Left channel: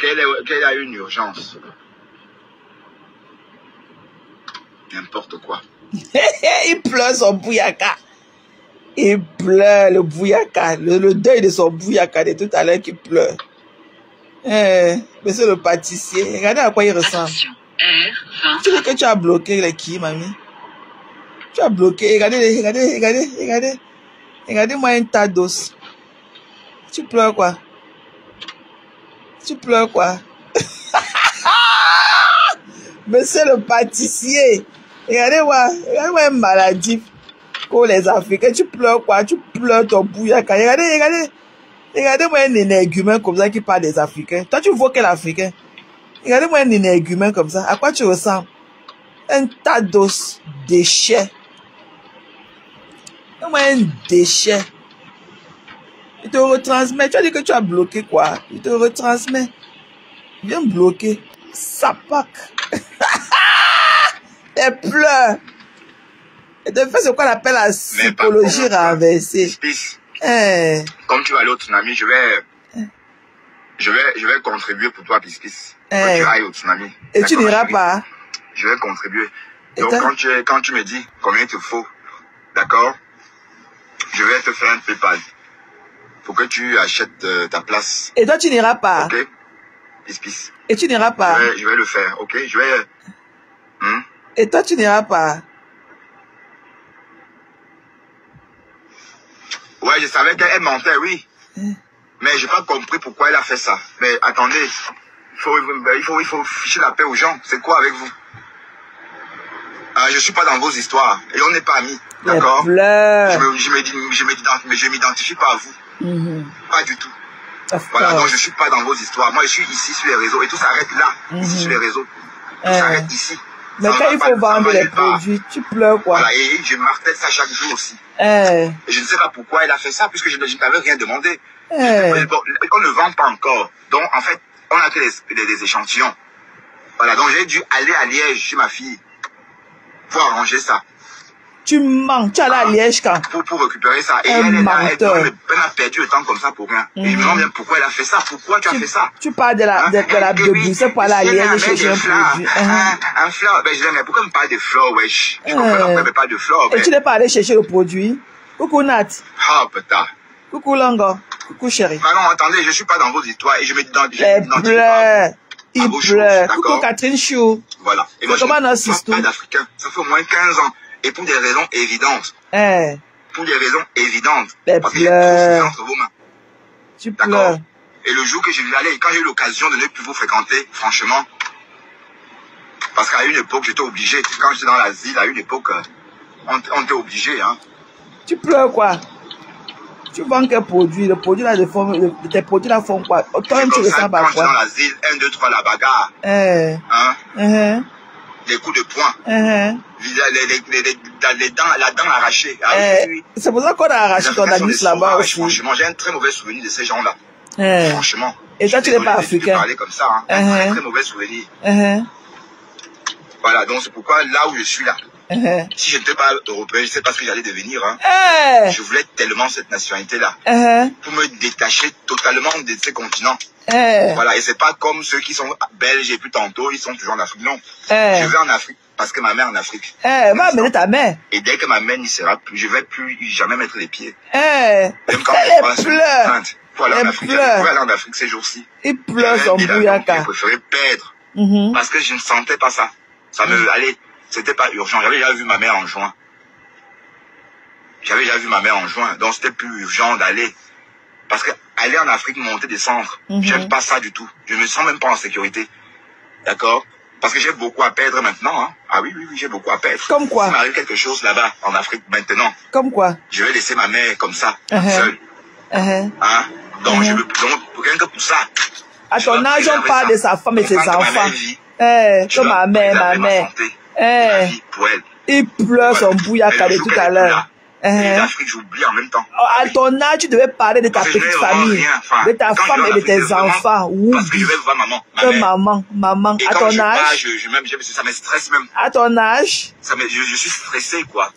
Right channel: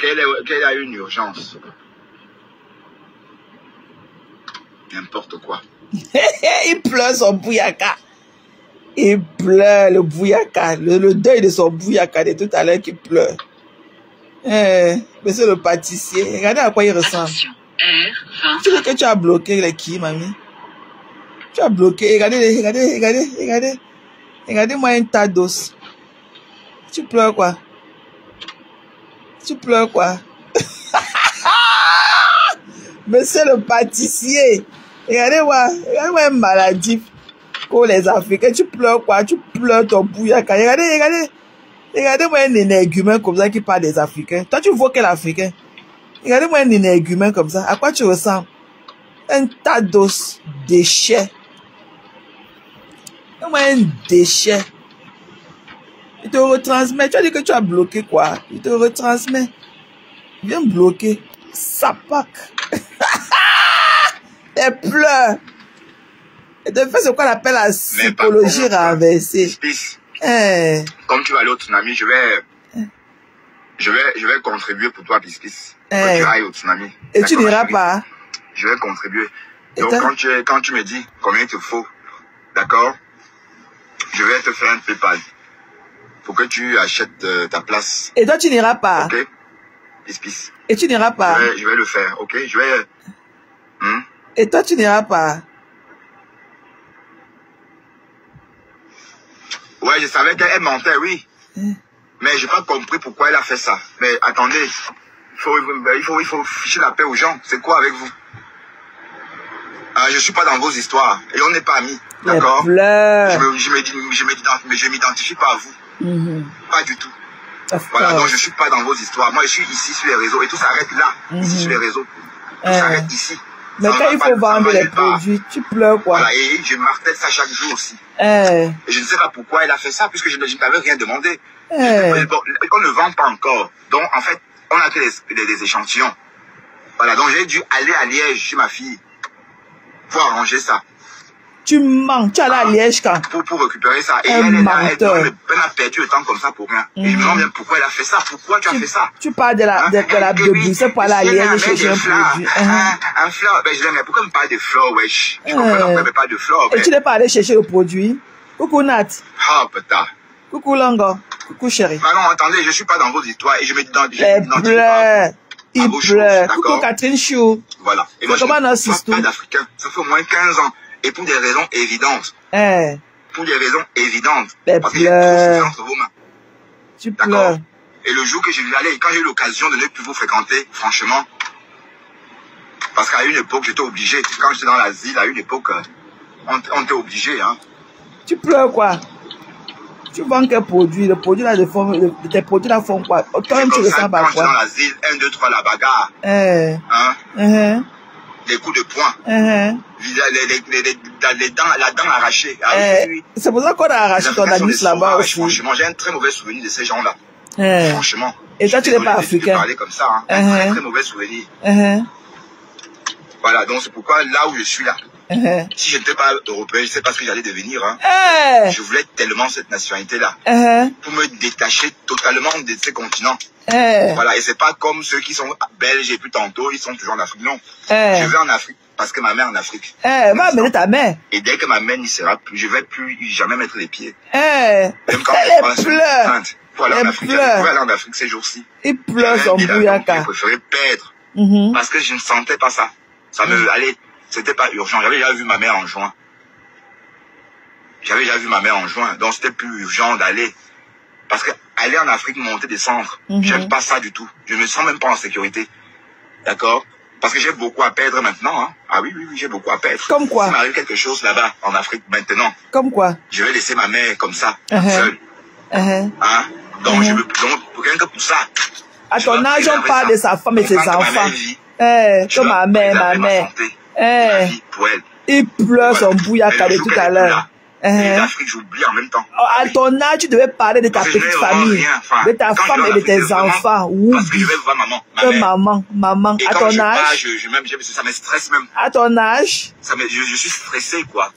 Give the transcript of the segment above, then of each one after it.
qu'elle a une urgence. N'importe quoi. Il pleure son bouyaka. Il pleure le bouyaka. Le deuil de son bouyaka de tout à l'heure qui pleure. Mais c'est le pâtissier. Regardez à quoi il ressemble. Tu sais que tu as bloqué les qui, mamie? Tu as bloqué. Regardez. Regardez-moi un tas d'os. Tu pleures quoi? Tu pleures quoi? Mais c'est le pâtissier. Regardez-moi une maladie pour les Africains. Tu pleures quoi? Tu pleures ton bouyaka. Regardez-moi un énergumène comme ça qui parle des Africains. Toi, tu vois quel Africain? Regardez-moi un énergumène comme ça. À quoi tu ressembles? Un tas d'os, déchets. Regardez-moi un déchet. Il te retransmet. Tu as dit que tu as bloqué quoi? Il te retransmet. Viens bloquer. Sapac. Elle pleure. Et de fait, c'est quoi on appelle la psychologie renversée. Comme tu vas aller au tsunami, je vais contribuer pour toi, Pis. Que tu ailles au tsunami. Et tu n'iras pas? Je vais contribuer. Donc, quand tu me dis combien il te faut, d'accord, je vais te faire un PayPal pour que tu achètes ta place. Et toi, tu n'iras pas? Ok, Pis. Et tu n'iras pas? Je vais le faire, ok, je vais... Et toi, tu n'iras pas? Ouais, je savais qu'elle mentait, oui. Mais j'ai pas compris pourquoi elle a fait ça. Mais attendez, il faut ficher la paix aux gens. C'est quoi avec vous? Je suis pas dans vos histoires. Et on n'est pas amis. D'accord? Je m'identifie pas à vous. Pas du tout. Voilà, donc je suis pas dans vos histoires. Moi, je suis ici sur les réseaux. Et tout s'arrête là. Ici sur les réseaux. Tout s'arrête ici. Mais quand il faut vendre les produits, tu pleures quoi? Voilà, et je martèle ça chaque jour aussi. Et je ne sais pas pourquoi elle a fait ça, puisque je ne t'avais rien demandé. Qu'on ne vend pas encore. Donc, en fait, on a fait des échantillons. Voilà, donc j'ai dû aller à Liège chez ma fille pour arranger ça. Tu mens, tu allais à Liège quand? Pour récupérer ça. Et elle a perdu le temps comme ça pour rien. Et je me demande bien pourquoi elle a fait ça. Pourquoi tu as fait ça? Tu parles de la Bruxelles pour aller à Liège chercher un produit. Un fleur, ben je dis, mais pourquoi me parler de fleurs, wesh? Je comprends pourquoi me parle de fleurs. Et tu n'es pas allé chercher le produit? Coucou Nat. Ah, putain. Coucou Longo. Coucou chérie. Ah non, attendez, je suis pas dans vos histoires et je me dis dans il pleure. Coucou Catherine Chou. Voilà. Et moi, je suis pas d'Africain. Ça fait au moins 15 ans. Et pour des raisons évidentes. Pour des raisons évidentes. Parce que j'ai trop entre vos mains. Tu pleures. Et le jour que je vais aller, quand j'ai eu l'occasion de ne plus vous fréquenter, franchement, parce qu'à une époque, j'étais obligé. Quand j'étais dans l'asile, à une époque, on était obligé, hein. Tu pleures quoi? Tu vends quel produit? Le produit là, tes produits là font quoi? Autant tu le sens pas quoi? Dans l'asile, 1, 2, 3, la bagarre. Hein? Les coups de poing. La dent arrachée. C'est pour ça qu'on a arraché ton anus là-bas aussi. Franchement, j'ai un très mauvais souvenir de ces gens-là. Franchement. Et toi, tu n'es pas africain. Parler comme ça, hein. Un très mauvais souvenir. Voilà, donc c'est pourquoi là où je suis là. Si je n'étais pas européen, je ne sais pas ce que j'allais devenir. Hein. Je voulais tellement cette nationalité-là. Pour me détacher totalement de ces continents. Voilà, et c'est pas comme ceux qui sont belges et puis tantôt, ils sont toujours en Afrique. Non. Je vais en Afrique parce que ma mère est en Afrique. Va amener ta mère. Et dès que ma mère n'y sera plus, je ne vais plus jamais mettre les pieds. Même quand je pleure. Pour aller en Afrique ces jours-ci. Il pleure son bouyaka. Je préférais perdre. Parce que je ne sentais pas ça. Ça me allait. C'était pas urgent. J'avais déjà vu ma mère en juin. Donc c'était plus urgent d'aller. Parce que aller en Afrique, monter, descendre, j'aime pas ça du tout. Je me sens même pas en sécurité. D'accord? Parce que j'ai beaucoup à perdre maintenant. Hein. Ah oui, j'ai beaucoup à perdre. Comme quoi? S'il m'arrive quelque chose là-bas, en Afrique, maintenant. Comme quoi? Je vais laisser ma mère comme ça, seule. Hein? Donc, rien que pour ça. À ton âge, on parle de sa femme et ses enfants. Comme ma mère. Il pleure son bouyaka de tout à l'heure. L'Afrique, j'oublie en même temps. À ton âge, tu devais parler de ta petite famille, de ta femme et de tes enfants. Parce que je vais voir maman. À ton âge. Ça me stresse même. À ton âge. Je suis stressé, quoi.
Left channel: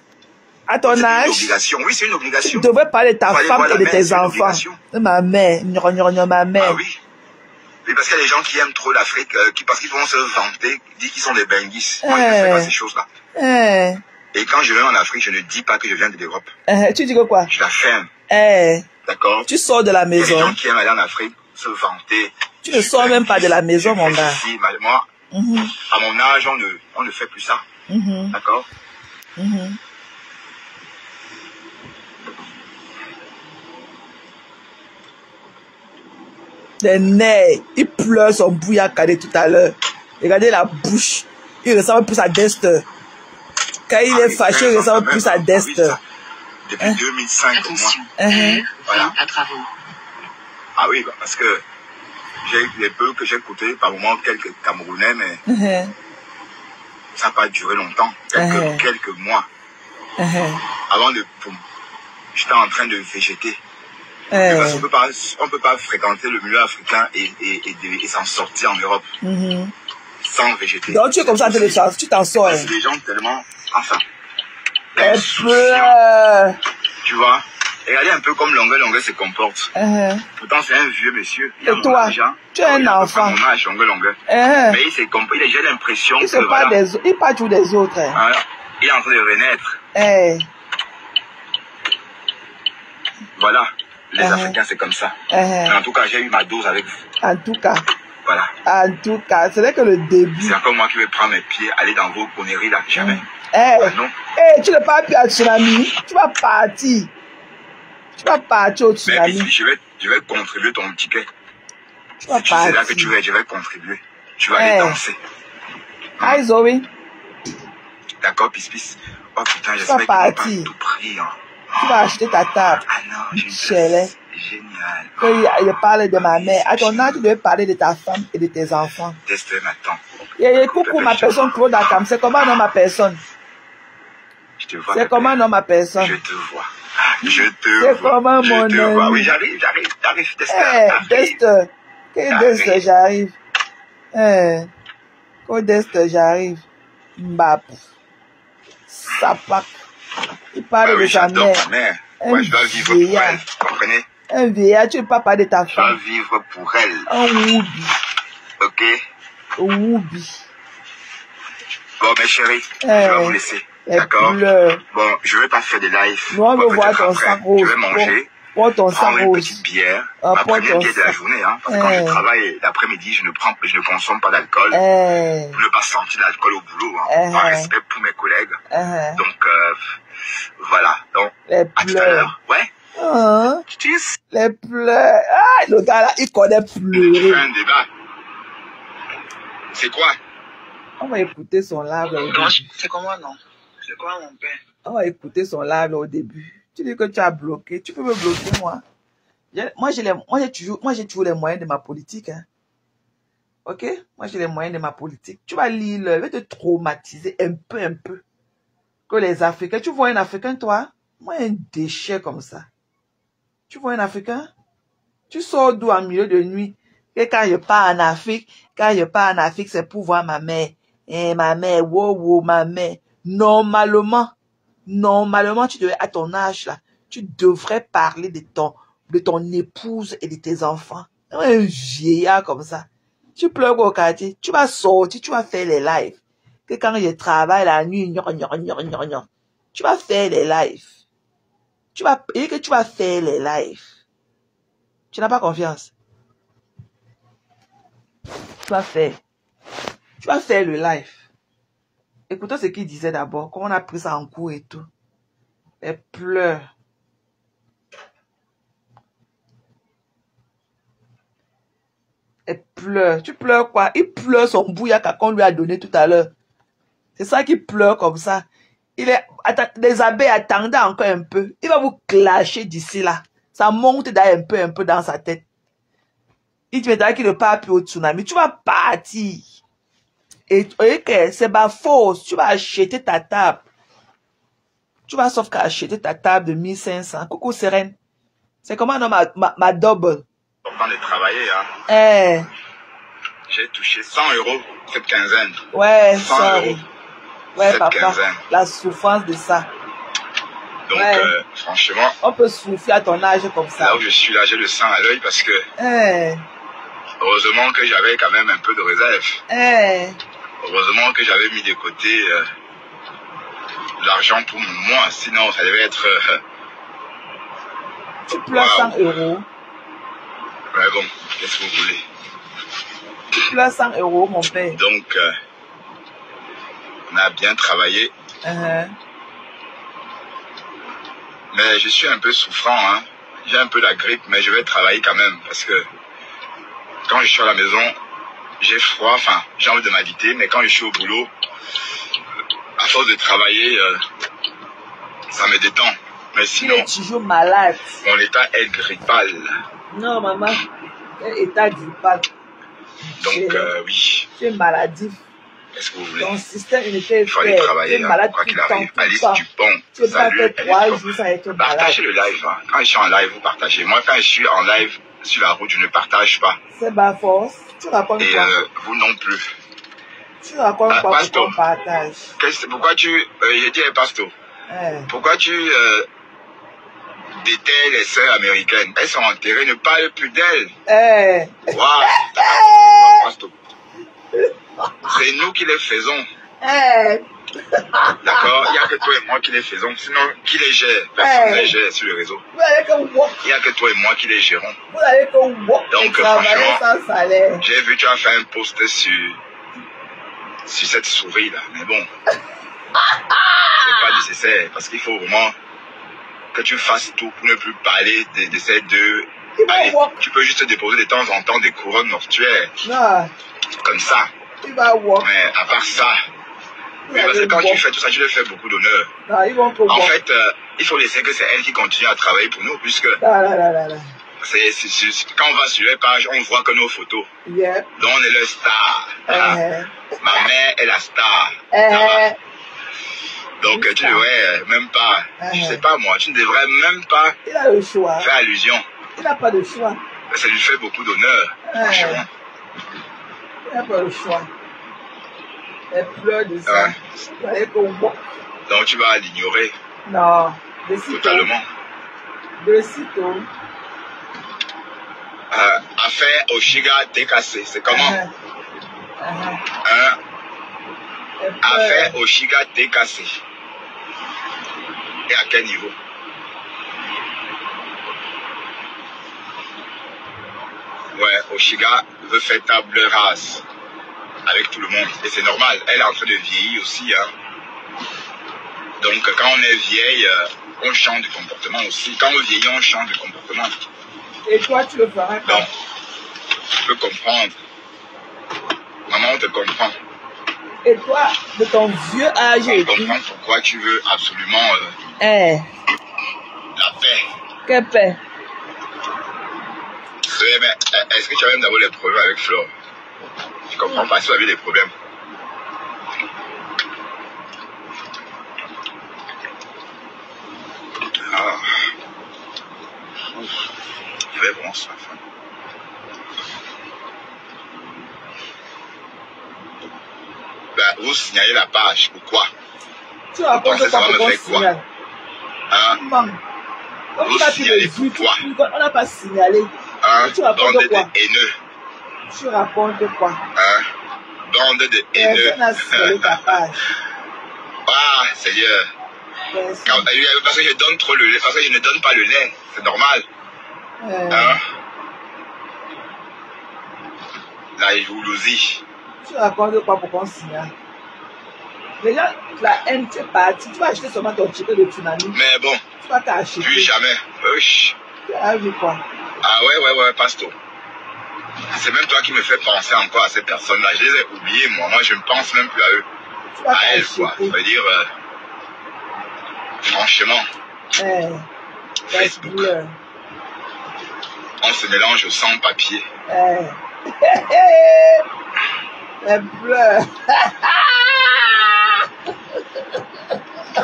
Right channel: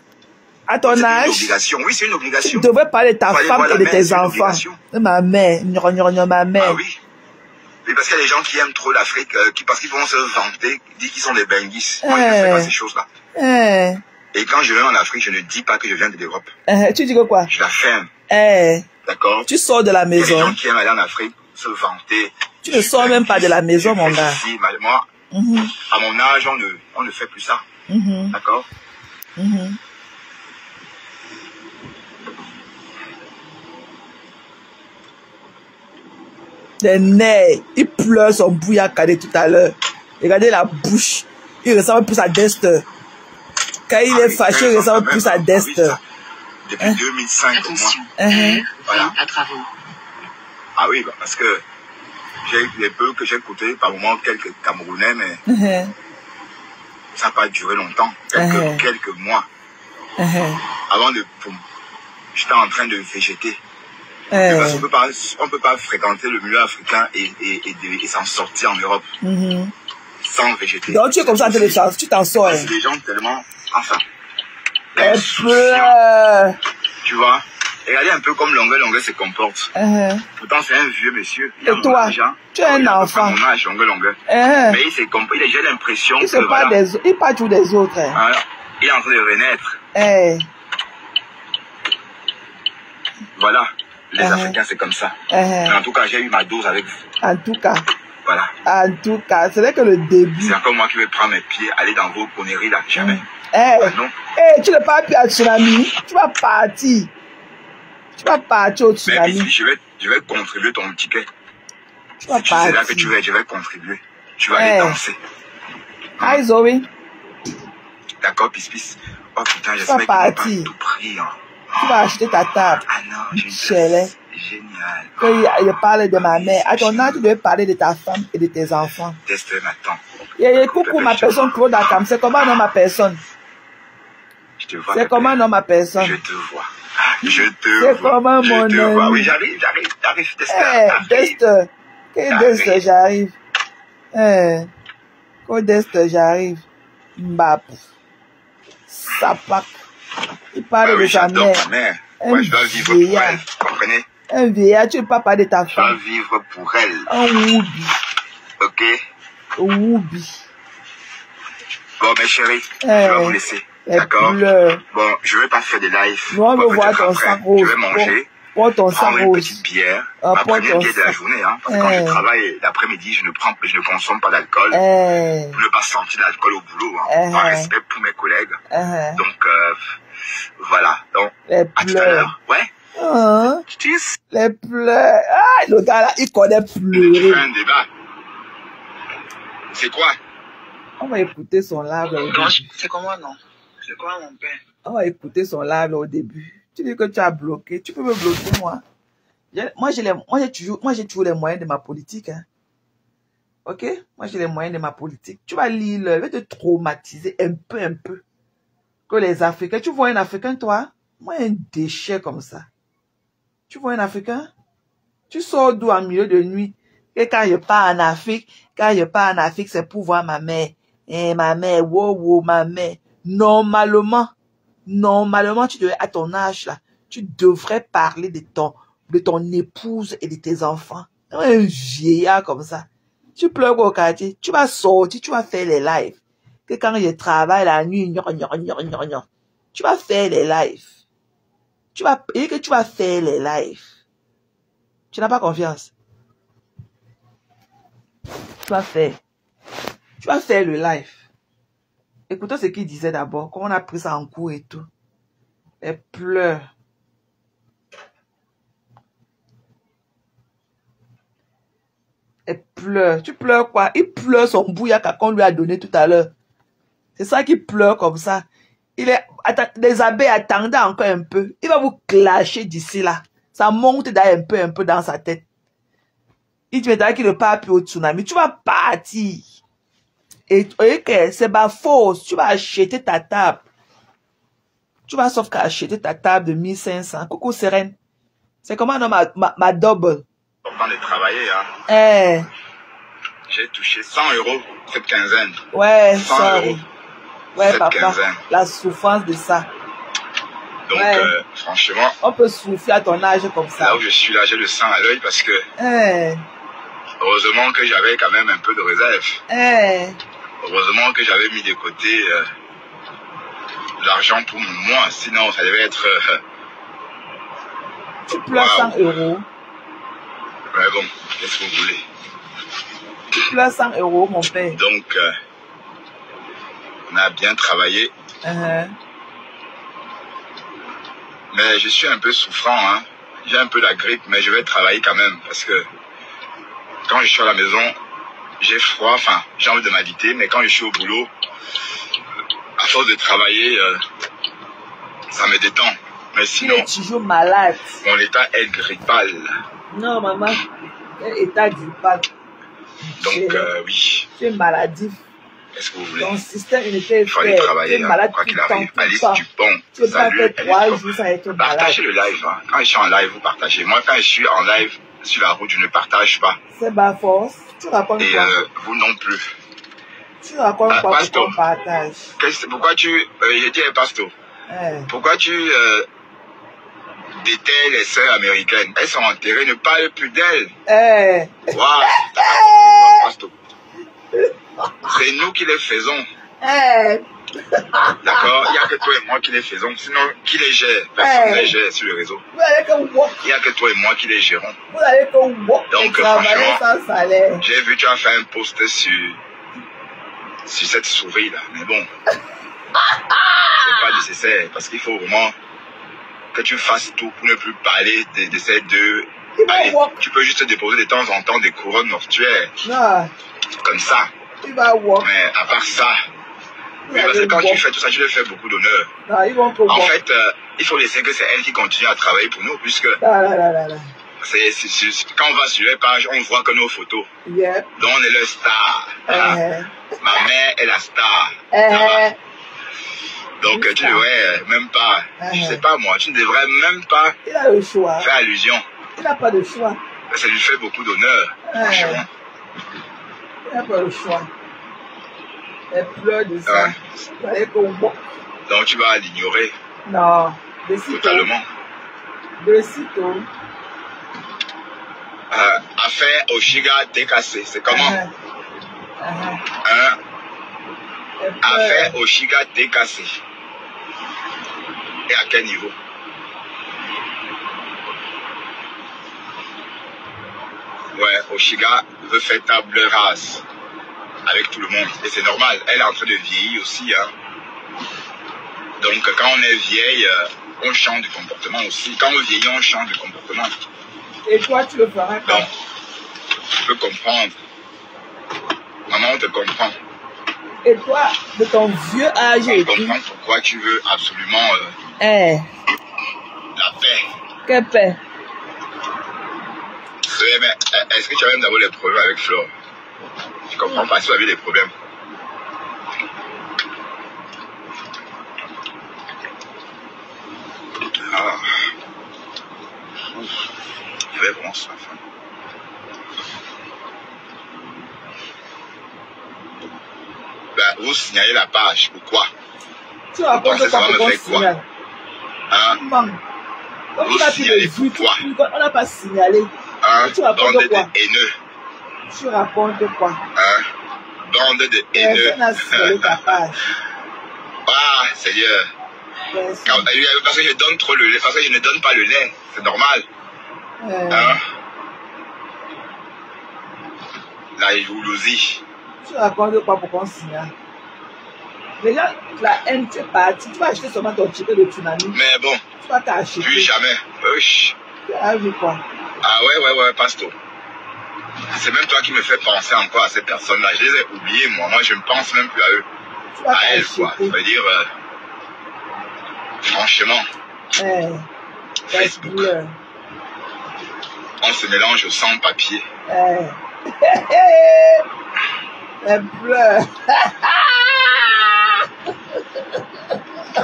À ton âge. C'est une obligation. Oui, c'est une obligation. Tu devrais parler de ta femme et de tes enfants. Ma mère. Ma mère. Ah oui. Et parce qu'il y a des gens qui aiment trop l'Afrique, parce qu'ils vont se vanter, disent qu'ils sont des benguis. Moi, je ne fais pas ces choses-là. Et quand je vais en Afrique, je ne dis pas que je viens de l'Europe. Tu dis quoi? Je la ferme. D'accord? Tu sors de la maison. Il y a des gens qui aiment aller en Afrique, se vanter. Tu ne sors même pas de la maison, mon gars. Moi, à mon âge, on ne fait plus ça. D'accord? Les nez, il pleure son bouillacadé tout à l'heure. Regardez la bouche. Il ressemble plus à Dexter. Quand il est fâché, il ressemble plus à Dexter. Depuis 2005, voilà. Ah oui, parce que j'ai les peu que j'ai écoutés, par moment quelques Camerounais, mais ça n'a pas duré longtemps. Quelques mois. Avant de... J'étais en train de végéter. Parce qu'on ne peut pas fréquenter le milieu africain et s'en sortir en Europe sans végéter. Donc tu es comme ça, tu t'en sors. C'est des gens tellement... Enfin... Tu vois, regardez un peu comme Longueuil se comporte. Pourtant c'est un vieux monsieur. Et toi, tu es un enfant. Mais j'ai l'impression que... Voilà, il parle toujours des autres. Il est en train de renaître. Voilà. Les Africains, c'est comme ça. Mais en tout cas, j'ai eu ma dose avec vous. En tout cas. Voilà. En tout cas, c'est là que le début. C'est encore moi qui vais prendre mes pieds, aller dans vos conneries là. Jamais. Non. Tu ne vas pas plus à tsunami. Tu vas partir. Tu vas partir au tsunami. Mais je vais contribuer ton ticket. Tu vas partir. C'est là que je vais contribuer. Tu vas aller danser. Hi Zoé. D'accord, Pis. Oh putain, j'espère qu'il va pas tout pris. Tu vas acheter ta table. Ah non, génial. Quand je parle de ma mère, à ton âge, tu veux parler de ta femme et de tes enfants. Dexter m'attend. Coucou ma personne, trop d'accord. C'est comment non ma personne? C'est comment non ma personne? Je te vois. C'est comment mon ami? Oui, j'arrive. Dexter. Dexter, j'arrive. Quand Dexter, j'arrive. Mbap. Sapak. Il parle de sa mère. Moi, je dois vivre pour elle. Vous comprenez? Un vieillard, tu ne peux pas parler de ta femme. Je dois vivre pour elle. Un woubi. Ok? Woubi. Bon, mes chéris, je vais vous laisser. D'accord? Bon, je ne vais pas faire de live. On veut voir ton sac rose. Je vais manger. Prends ton sac rose. Une petite bière. Ma première bière de la journée, hein. Parce que quand je travaille l'après-midi, je ne consomme pas d'alcool. Pour ne pas sentir l'alcool au boulot, hein. Par respect pour mes collègues. Donc, voilà. Donc, à tout à l'heure. Ouais. Les pleurs. Ah, le gars là, il connaît pleurer. Un débat. C'est quoi? On va écouter son live au début. C'est comment non? C'est quoi mon père? On va écouter son live au début. Tu dis que tu as bloqué. Tu peux me bloquer moi. Moi j'ai toujours les moyens de ma politique. Hein. Ok? Moi j'ai les moyens de ma politique. Tu vas lire, je vais te traumatiser un peu. Que les Africains. Tu vois un Africain toi? Moi un déchet comme ça. Tu vois un Africain? Tu sors d'où en milieu de nuit? Et quand je pars en Afrique, c'est pour voir ma mère. Et ma mère, wow, ma mère. Normalement, tu devrais, à ton âge là, tu devrais parler de ton épouse et de tes enfants. Un vieillard comme ça. Tu pleures au quartier, tu vas sortir, tu vas faire les lives. Que quand je travaille la nuit, tu vas faire les lives. Tu vas faire les lives. Tu n'as pas confiance. Tu vas faire le live. Écoutons ce qu'il disait d'abord. Comment on a pris ça en cours et tout. Elle pleure. Elle pleure. Tu pleures quoi? Il pleure son bouillaka qu'on lui a donné tout à l'heure. C'est ça qu'il pleure comme ça. Les abeilles attendaient encore un peu. Il va vous clasher d'ici là. Ça monte un peu dans sa tête. Il te mettra qu'il ne part plus au tsunami. Tu vas partir. Et c'est ma force. Tu vas acheter ta table. Tu vas sauf qu'à acheter ta table de 1500. Coucou Sérène. C'est comment non ma double. Avant de travailler, hein. J'ai touché 100 € cette quinzaine. Ouais, 100 €. Ouais, cette papa. Quinzaine. La souffrance de ça. Donc, franchement. On peut souffler à ton âge comme ça. Là où je suis là, j'ai le sang à l'œil parce que. Heureusement que j'avais quand même un peu de réserve. Heureusement que j'avais mis de côté l'argent pour moi, sinon ça devait être... Tu pleures 100 euros. Mais bon, qu'est-ce que vous voulez? Tu pleures 100 euros, mon père. Donc, on a bien travaillé. Mais je suis un peu souffrant, hein. J'ai un peu la grippe, mais je vais travailler quand même. Parce que quand je suis à la maison, j'ai froid, enfin, j'ai envie de m'habiter. Mais quand je suis au boulot, à force de travailler, ça me détend. Mais sinon, tu es toujours malade. Mon état est grippal. Non, maman, état grippal. Donc, oui. Tu es maladif. Qu'est-ce que vous voulez? Ton système, il était il faut aller travailler, tu es malade quoi qu'il arrive. Alice Dupont, tu peux pas faire 3 jours sans être malade. Partagez le live. Hein. Quand je suis en live, vous partagez. Moi, quand je suis en live sur la route, je ne partage pas. C'est ma force. Tu racontes et quoi? Vous non plus. Tu racontes quoi pour qu'on partage? Pourquoi tu... J'étais un pasteur. Pourquoi tu... d'étais les sœurs américaines? Elles sont enterrées, ne parle plus d'elles. Waouh! C'est nous qui les faisons. D'accord? Il n'y a que toi et moi qui les faisons. Sinon, qui les gère? Personne ne les gère sur le réseau. Il n'y a que toi et moi qui les gérons. Donc, franchement, j'ai vu tu as fait un post sur cette souris-là. Mais bon, c'est pas nécessaire parce qu'il faut vraiment que tu fasses tout pour ne plus parler de ces deux. Tu peux juste déposer de temps en temps des couronnes mortuaires. Comme ça. Mais à part ça, parce que quand tu fais tout ça, tu leur fais beaucoup d'honneur. En fait, il faut laisser que c'est elle qui continue à travailler pour nous, puisque quand on va sur les pages, on voit que nos photos. Donc on est le star. Ma mère est la star. Donc tu devrais même pas, je sais pas moi, tu ne devrais même pas faire allusion. Il n'a pas de choix. Ça lui fait beaucoup d'honneur, franchement. Il n'a pas le choix. Elle pleure de ça. Donc tu vas l'ignorer. Non. Totalement. De sitôt. Affaire Oshiga décassé, c'est comment? Affaire Oshiga décassé. Et à quel niveau? Ouais, Oshiga veut faire table rase avec tout le monde. Et c'est normal, elle est en train de vieillir aussi. Hein. Donc quand on est vieille, on change de comportement aussi. Quand on vieillit, on change de comportement. Et toi, tu le feras quand? Donc, tu peux comprendre. Maman te comprend. Et toi, de ton vieux âge, on comprend pourquoi tu veux absolument la paix. Quelle paix? Mais est-ce que tu as même d'abord les problèmes avec Flore? Je comprends pas si tu as eu des problèmes. C'est vraiment ça. Vous signalez la page, pourquoi? Tu vas penser ça va me faire quoi? Vous signalez pourquoi? On n'a pas signalé. Tu racontes quoi? Bande de haineux. Tu racontes quoi? Bande de haineux. Personne n'a signalé ta page. Ah, Seigneur. Parce que je donne trop le lait, parce que je ne donne pas le lait. C'est normal. La jalousie. Tu racontes quoi pour qu'on signale? Mais là, la haine, c'est parti. Tu vas acheter seulement ton ticket de tsunami. Mais bon. Tu vas t'acheter. Plus jamais. Tu as vu quoi? Ah ouais, Pasto. C'est même toi qui me fais penser encore à ces personnes-là. Je les ai oubliées, moi. Moi, je ne pense même plus à eux. À elles, quoi. Ça veut dire, franchement, Facebook, on se mélange sans papier. Elle pleure.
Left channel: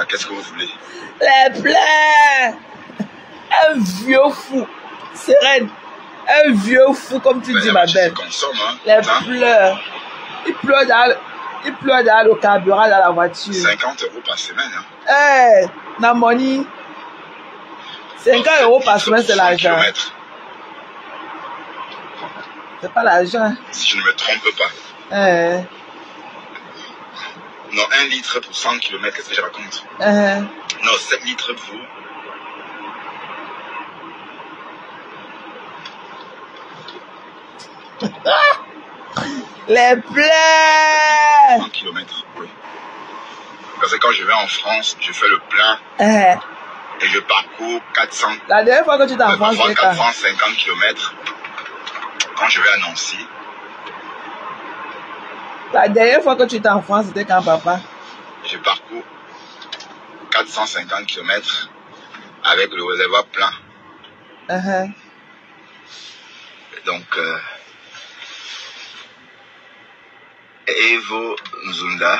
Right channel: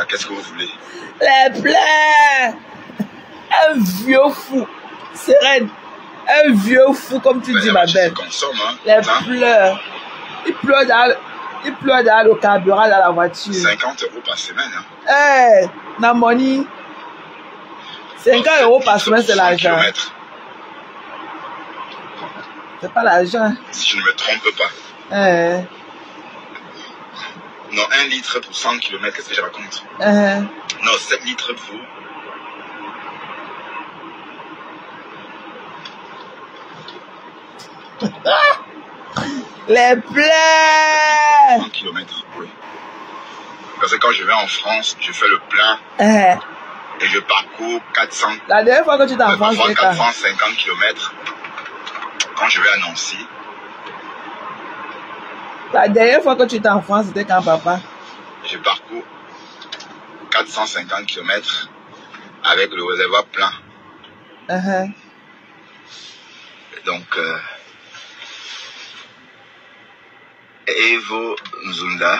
Qu'est-ce que vous voulez? Elle pleure. Un vieux fou. Sereine. Un vieux fou, comme tu dis, ma belle. Elle pleure. Il pleure dans le carburant dans la voiture. 50 € par semaine. Namoni. 50 € par semaine, c'est l'argent. C'est pas l'argent. Si je ne me trompe pas. Non, 1 litre pour 100 km, qu'est-ce que je raconte? Non, 7 litres pour... Les plaies! 100 km, oui. Parce que quand je vais en France, je fais le plein et je parcours 400. La dernière fois que tu t'es en France, c'est 450 km quand je vais à Nancy. La dernière fois que tu étais en France, c'était quand, papa? Je parcours 450 km avec le réservoir plein. Donc, Evo Nzunda,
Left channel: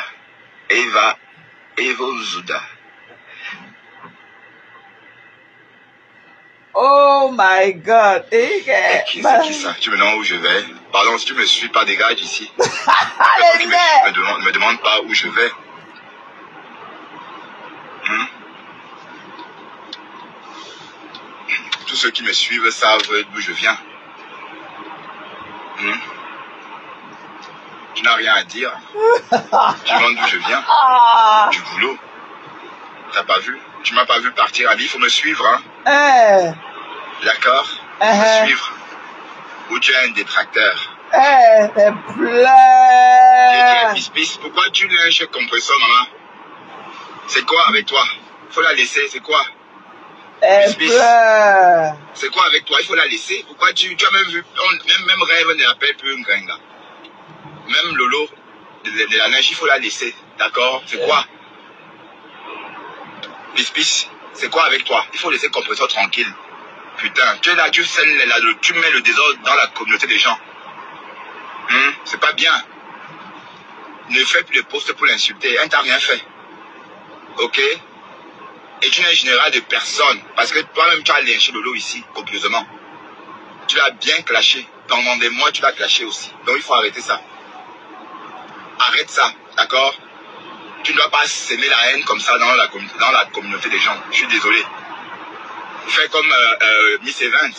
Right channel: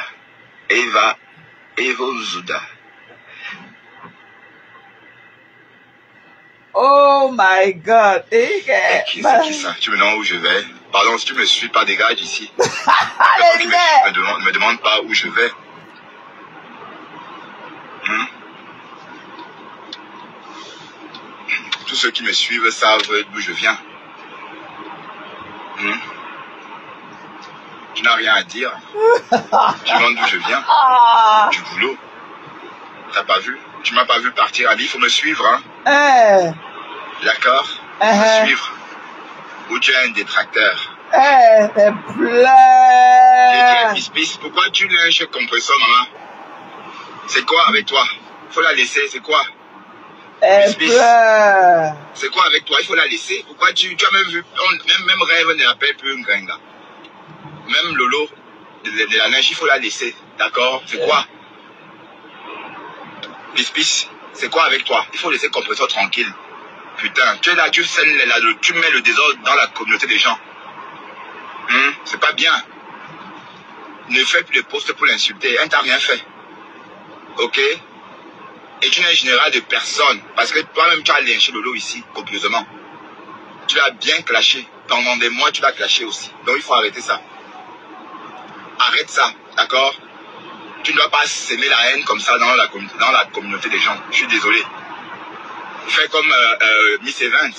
Evo Nzunda. Oh my God! C'est qui ça? Tu me demandes où je vais? Pardon, si tu me suis pas, dégage d'ici. Allez, ne me demande pas où je vais. Tous ceux qui me suivent savent d'où je viens. Tu n'as rien à dire. Tu demandes d'où je viens. Du boulot. T'as pas vu? Tu m'as pas vu partir à Lille, il faut me suivre, hein? D'accord? Suivre. Ou tu es un détracteur. C'est plein. Pourquoi tu lèches compresseur, maman? C'est quoi avec toi? Faut la laisser, c'est quoi? C'est plein. C'est quoi avec toi? Il faut la laisser. Pourquoi tu as même vu, même rêve ne l'appelle plus un gringa. Même Lolo, de la neige, il faut la laisser. D'accord? C'est quoi? C'est quoi avec toi? Il faut laisser le compresseur tranquille. Putain, tu es là, tu mets le désordre dans la communauté des gens. C'est pas bien. Ne fais plus de poste pour l'insulter. Elle t'a rien fait. Ok? Et tu n'es un général de personne. Parce que toi-même, tu as lynché Lolo ici, copieusement. Tu l'as bien clashé. Pendant des mois, tu l'as clashé aussi. Donc il faut arrêter ça. Arrête ça, d'accord? Tu ne dois pas s'aimer la haine comme ça dans la communauté des gens. Je suis désolé. Fais comme Miss Evans.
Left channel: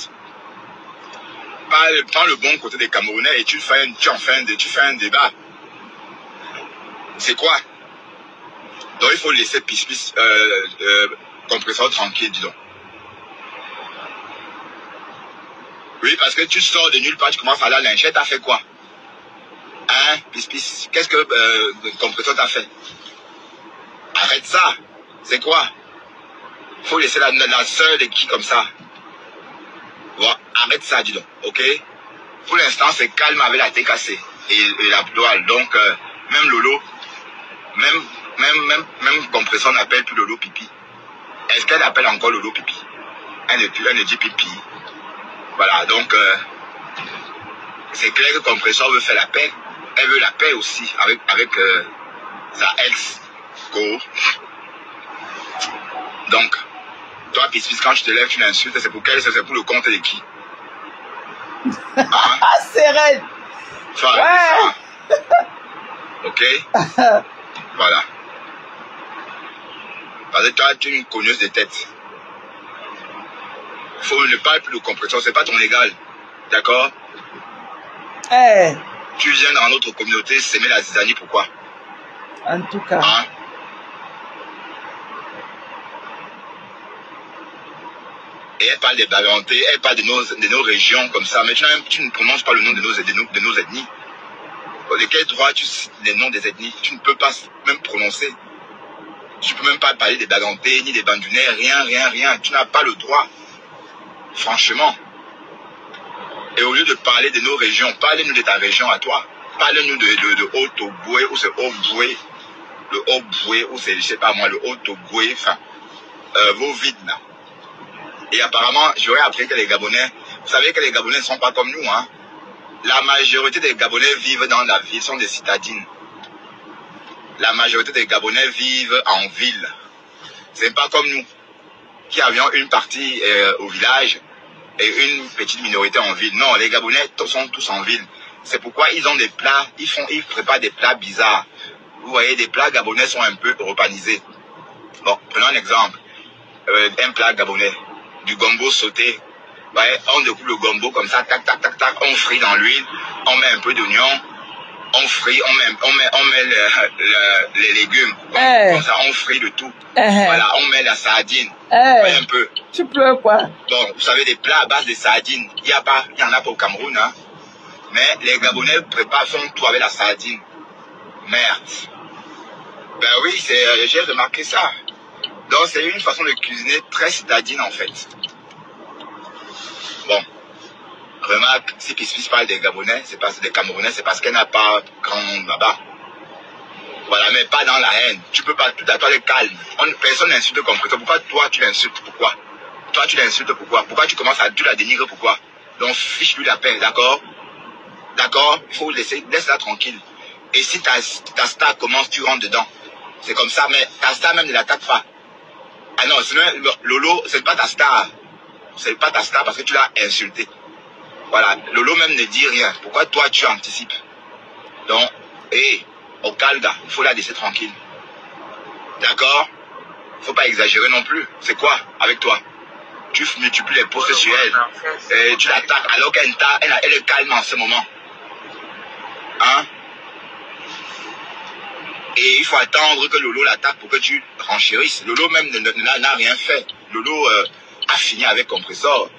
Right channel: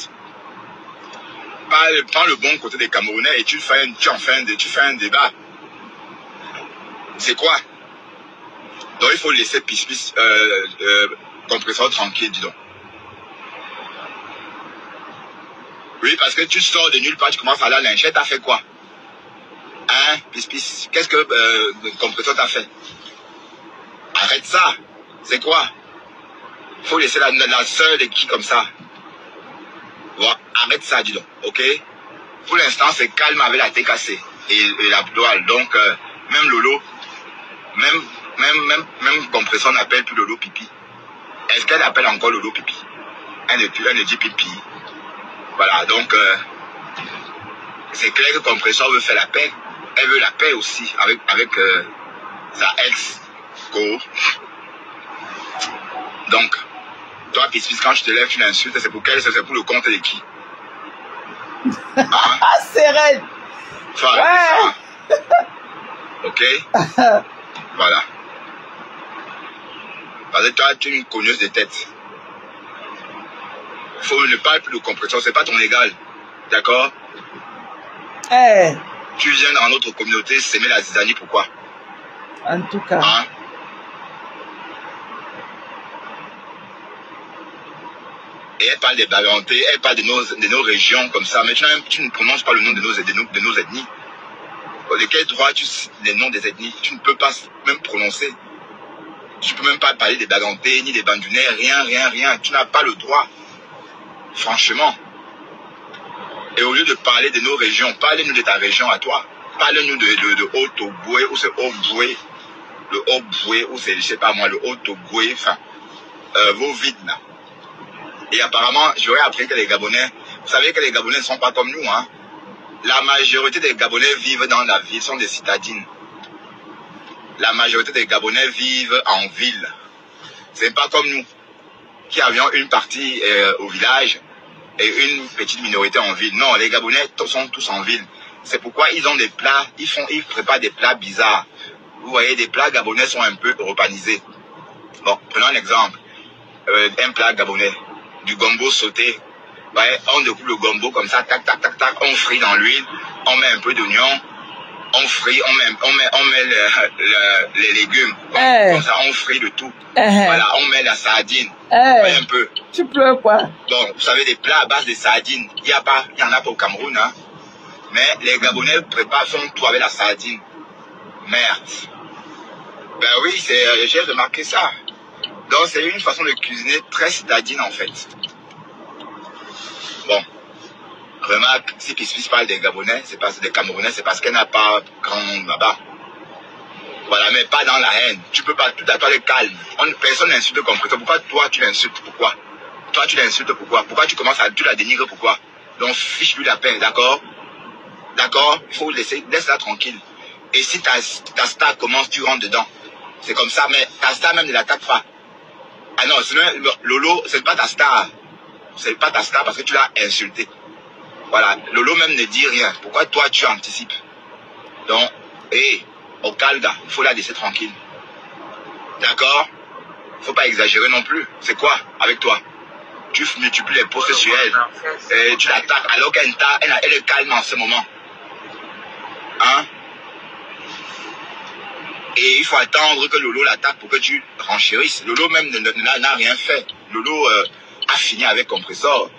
Prends le bon côté des Camerounais et tu fais un débat. C'est quoi? Donc il faut laisser compresseur tranquille, dis donc. Oui, parce que tu sors de nulle part, tu commences à la lyncher, t'as fait quoi? Hein, qu'est-ce que le compresseur t'a fait? Arrête ça. C'est quoi? Faut laisser la sœur de qui comme ça? Bon, arrête ça, dis donc, ok? Pour l'instant, c'est calme avec la TKC et la ploie. Donc, même Lolo, même compresseur n'appelle plus Lolo pipi. Est-ce qu'elle appelle encore Lolo pipi? Elle ne dit pipi. Voilà, donc, c'est clair que compresseur veut faire la paix. Elle veut la paix aussi avec sa ex-co. Donc, toi, quand je te lève, tu l'insultes, c'est pour quel? C'est pour le compte de qui? C'est vrai. Ouais. Ok? Voilà. Parce que toi, tu es une cogneuse de tête. Faut ne parler plus de compresseur, c'est pas ton égal. D'accord? Tu viens dans notre communauté s'aimer la zizanie, pourquoi? En tout cas. Hein? Et elle parle des Bagantés, elle parle de nos régions comme ça, mais tu ne prononces pas le nom de nos ethnies. De quel droit tu cites les noms des ethnies? Tu ne peux pas même prononcer. Tu ne peux même pas parler des Bagantés, ni des Bandunais, rien. Tu n'as pas le droit. Franchement. Et au lieu de parler de nos régions, parlez-nous de ta région à toi. Parlez-nous de Haut-Togoué, ou c'est Haut-Boué, le Haut-Boué, ou c'est, je sais pas moi, le Haut-Togoué, enfin, vos vides là. Et apparemment, j'aurais appris que les Gabonais, vous savez que les Gabonais ne sont pas comme nous, hein. La majorité des Gabonais vivent dans la ville, sont des citadines. La majorité des Gabonais vivent en ville. C'est pas comme nous, qui avions une partie au village et une petite minorité en ville. Non, les Gabonais sont tous en ville. C'est pourquoi ils ont des plats, ils préparent des plats bizarres. Vous voyez, des plats gabonais sont un peu europanisés. Bon, prenons un exemple. Un plat gabonais, du gombo sauté Ouais, on découpe le gombo comme ça, tac, tac, tac, tac, on frit dans l'huile, on met un peu d'oignon, on frit, on met les légumes. Comme ça, on frit le tout. Voilà, on met la sardine. Un peu. Tu pleures quoi? Bon, vous savez, des plats à base de sardines, il y en a pas au Cameroun, hein. Mais les Gabonais font tout avec la sardine. Merde. Ben oui, j'ai remarqué ça. Donc c'est une façon de cuisiner très citadine en fait. Bon. Remarque, si Piscis parle des Gabonais, c'est parce que des Camerounais, c'est parce qu'elle n'a pas grand là-bas. Voilà, mais pas dans la haine. Tu peux pas, tout à fait calme. Personne n'insulte comme ça. Pourquoi toi tu l'insultes? Pourquoi? Toi tu l'insultes pourquoi? Pourquoi tu commences à tu la dénigres? Pourquoi? Donc fiche lui la paix, d'accord? D'accord? Il faut laisse-la tranquille. Et si ta star commence, tu rentres dedans. C'est comme ça, mais ta star même ne l'attaque pas. Ah non, Lolo, c'est pas ta star. C'est pas ta star parce que tu l'as insulté. Voilà, Lolo même ne dit rien. Pourquoi toi tu anticipes? Donc, au calme, il faut la laisser tranquille. D'accord? Il ne faut pas exagérer non plus. C'est quoi avec toi? Tu multiplies les postes sur elle. Et tu l'attaques alors qu'elle est calme en ce moment. Hein? Et il faut attendre que Lolo l'attaque pour que tu renchérisses. Lolo même n'a rien fait. Lolo a fini avec Compressor.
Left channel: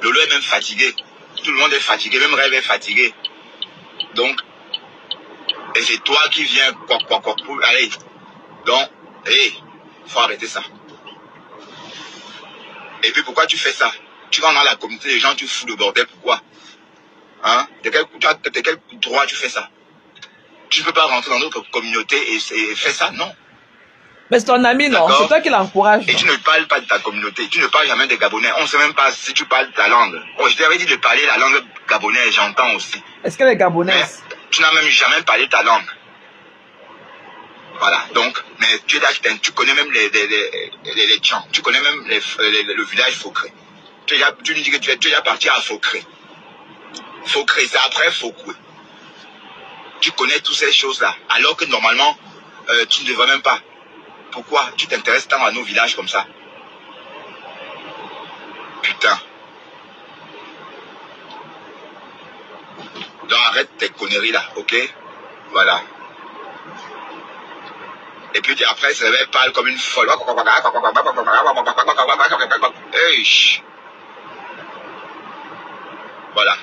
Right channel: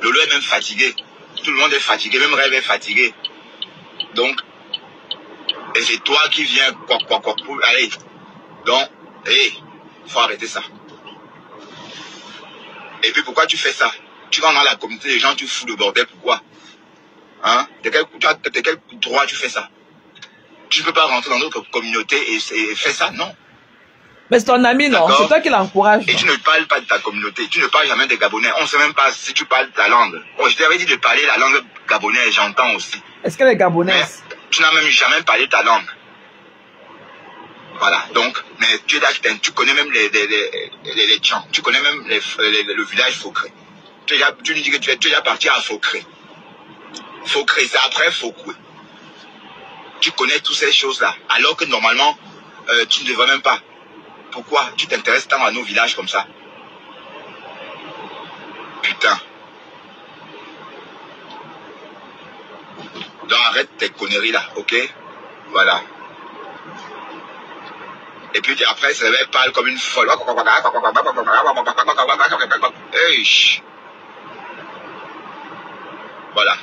Lolo est même fatigué. Tout le monde est fatigué, même Rêve est fatigué. Donc, et c'est toi qui viens pour allez. Donc, faut arrêter ça. Et puis pourquoi tu fais ça? Tu vas dans la communauté des gens, tu fous le bordel, pourquoi? Hein? De quel droit tu fais ça? Tu ne peux pas rentrer dans notre communauté et faire ça, non? Mais c'est ton ami, non? C'est toi qui l'encourage. Et tu ne parles pas de ta communauté. Tu ne parles jamais des Gabonais. On ne sait même pas si tu parles ta langue. Oh, je t'avais dit de parler la langue gabonaise, j'entends aussi. Est-ce que les Gabonais... Mais tu n'as même jamais parlé ta langue. Voilà, donc, mais tu es là, tu connais même les chants. Tu connais même le village Faucré. Tu lui dis que tu es déjà parti à Faucré. Faucré, c'est après Faucoué. Tu connais toutes ces choses-là, alors que normalement, tu ne devrais même pas. Pourquoi tu t'intéresses tant à nos villages comme ça? Putain. Donc arrête tes conneries là, ok? Voilà. Et puis après, ça parle comme une folle. Voilà.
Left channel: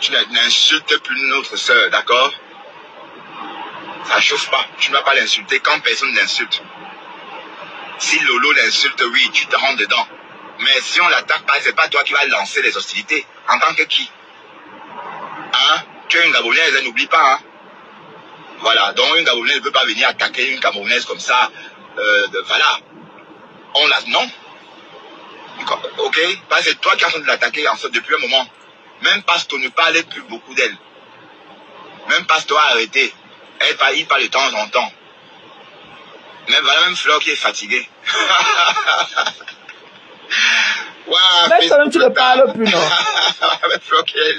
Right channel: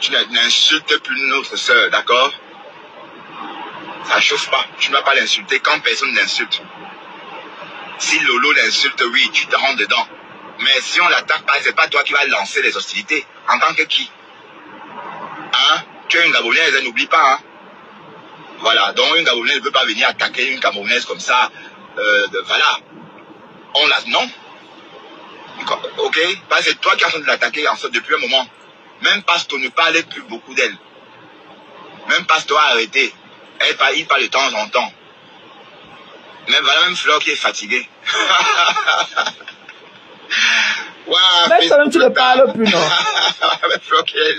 Tu n'insultes plus notre soeur, d'accord? Ça chauffe pas. Tu ne vas pas l'insulter quand personne n'insulte. Si Lolo l'insulte, oui, tu te rends dedans. Mais si on l'attaque pas, c'est pas toi qui vas lancer les hostilités. En tant que qui? Hein? Tu es une Gabonaise, n'oublie pas, hein? Voilà, donc une Gabonaise ne peut pas venir attaquer une Camerounaise comme ça. Voilà. Non. Ok? Parce que c'est toi qui es en train de l'attaquer en fait, depuis un moment. Même Pasto ne parlait plus beaucoup d'elle. Même Pasto a arrêté. Il parle de temps en temps. Mais voilà une fleur qui est fatiguée. Wow, même toi-même tu ne parles plus, non?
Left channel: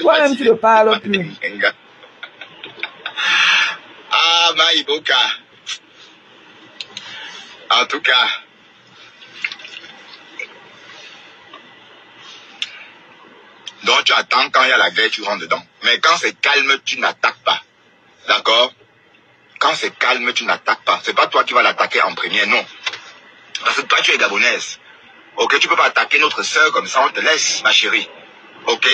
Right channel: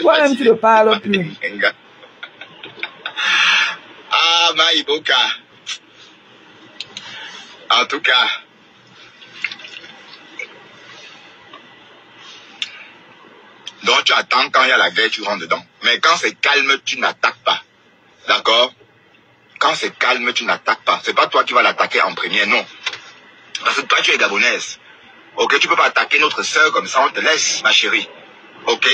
Toi-même tu ne parles plus. Ah, Maïboka. En tout cas, donc tu attends quand il y a la guerre, tu rentres dedans. Mais quand c'est calme, tu n'attaques pas. D'accord? Quand c'est calme, tu n'attaques pas. C'est pas toi qui vas l'attaquer en premier, non. Parce que toi, tu es gabonaise. Ok, tu peux pas attaquer notre soeur comme ça, on te laisse, ma chérie. Ok?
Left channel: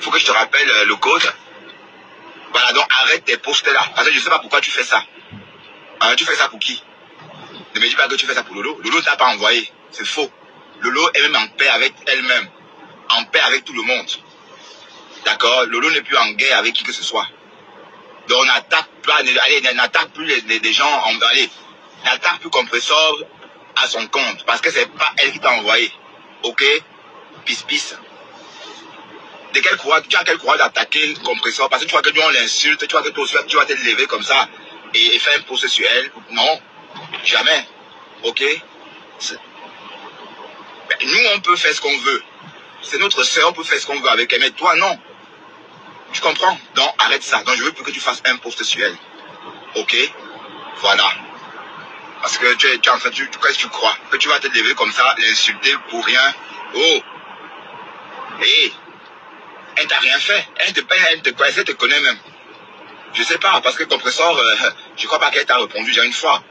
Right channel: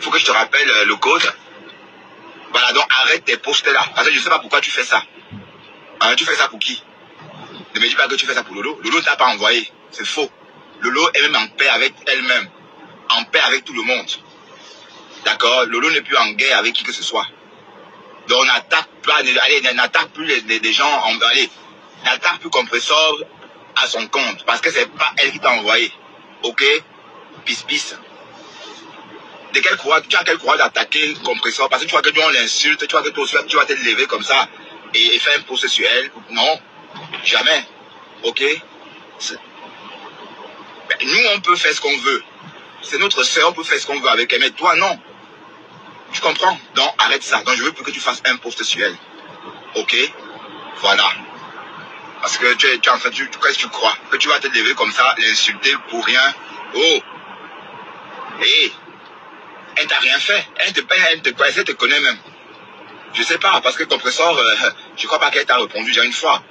Faut que je te rappelle le code. Voilà, donc arrête tes postes là. Parce que je sais pas pourquoi tu fais ça. Hein, tu fais ça pour qui? Ne me dis pas que tu fais ça pour Lolo. Lolo ne t'a pas envoyé. C'est faux. Lolo est même en paix avec elle-même. En paix avec tout le monde. D'accord? Lolo n'est plus en guerre avec qui que ce soit. Donc on n'attaque pas, allez, n'attaque plus les gens, allez, n'attaque plus Compressor à son compte. Parce que c'est pas elle qui t'a envoyé. Ok? Pisse. De quel courage, tu as quel courage d'attaquer Compressor? Parce que tu vois que nous on l'insulte, tu vois que toi aussi tu vas te lever comme ça et faire un procès sur elle. Non, jamais. Ok? Nous on peut faire ce qu'on veut. C'est notre sœur, on peut faire ce qu'on veut avec elle, mais toi non. Tu comprends? Donc, arrête ça. Donc, je veux plus que tu fasses un post sur elle. Ok? Voilà. Parce que tu es en train de... Qu'est-ce que tu crois? Que tu vas te lever comme ça, l'insulter pour rien? Oh! Hé! Elle t'a rien fait. Elle te connaît même. Je sais pas, parce que compresseur, je crois pas qu'elle t'a répondu déjà une fois.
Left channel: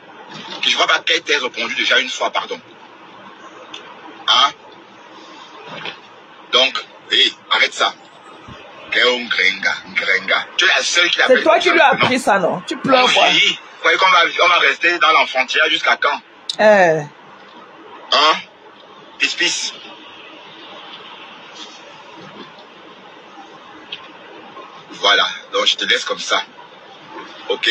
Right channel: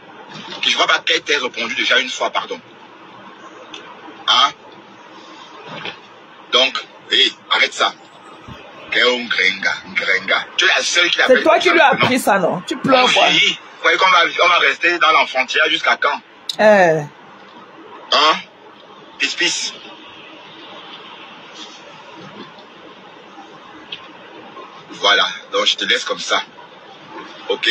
Je crois pas qu'elle t'ait répondu déjà une fois, pardon. Hein? Donc, hé, arrête ça. Tu es la seule qui a fait. C'est toi qui lui as appris ça, non? Tu pleures quoi? Oui. Vous voyez qu'on va rester dans l'enfantière jusqu'à quand? Hein? Pisse. Voilà, donc je te laisse comme ça. Ok?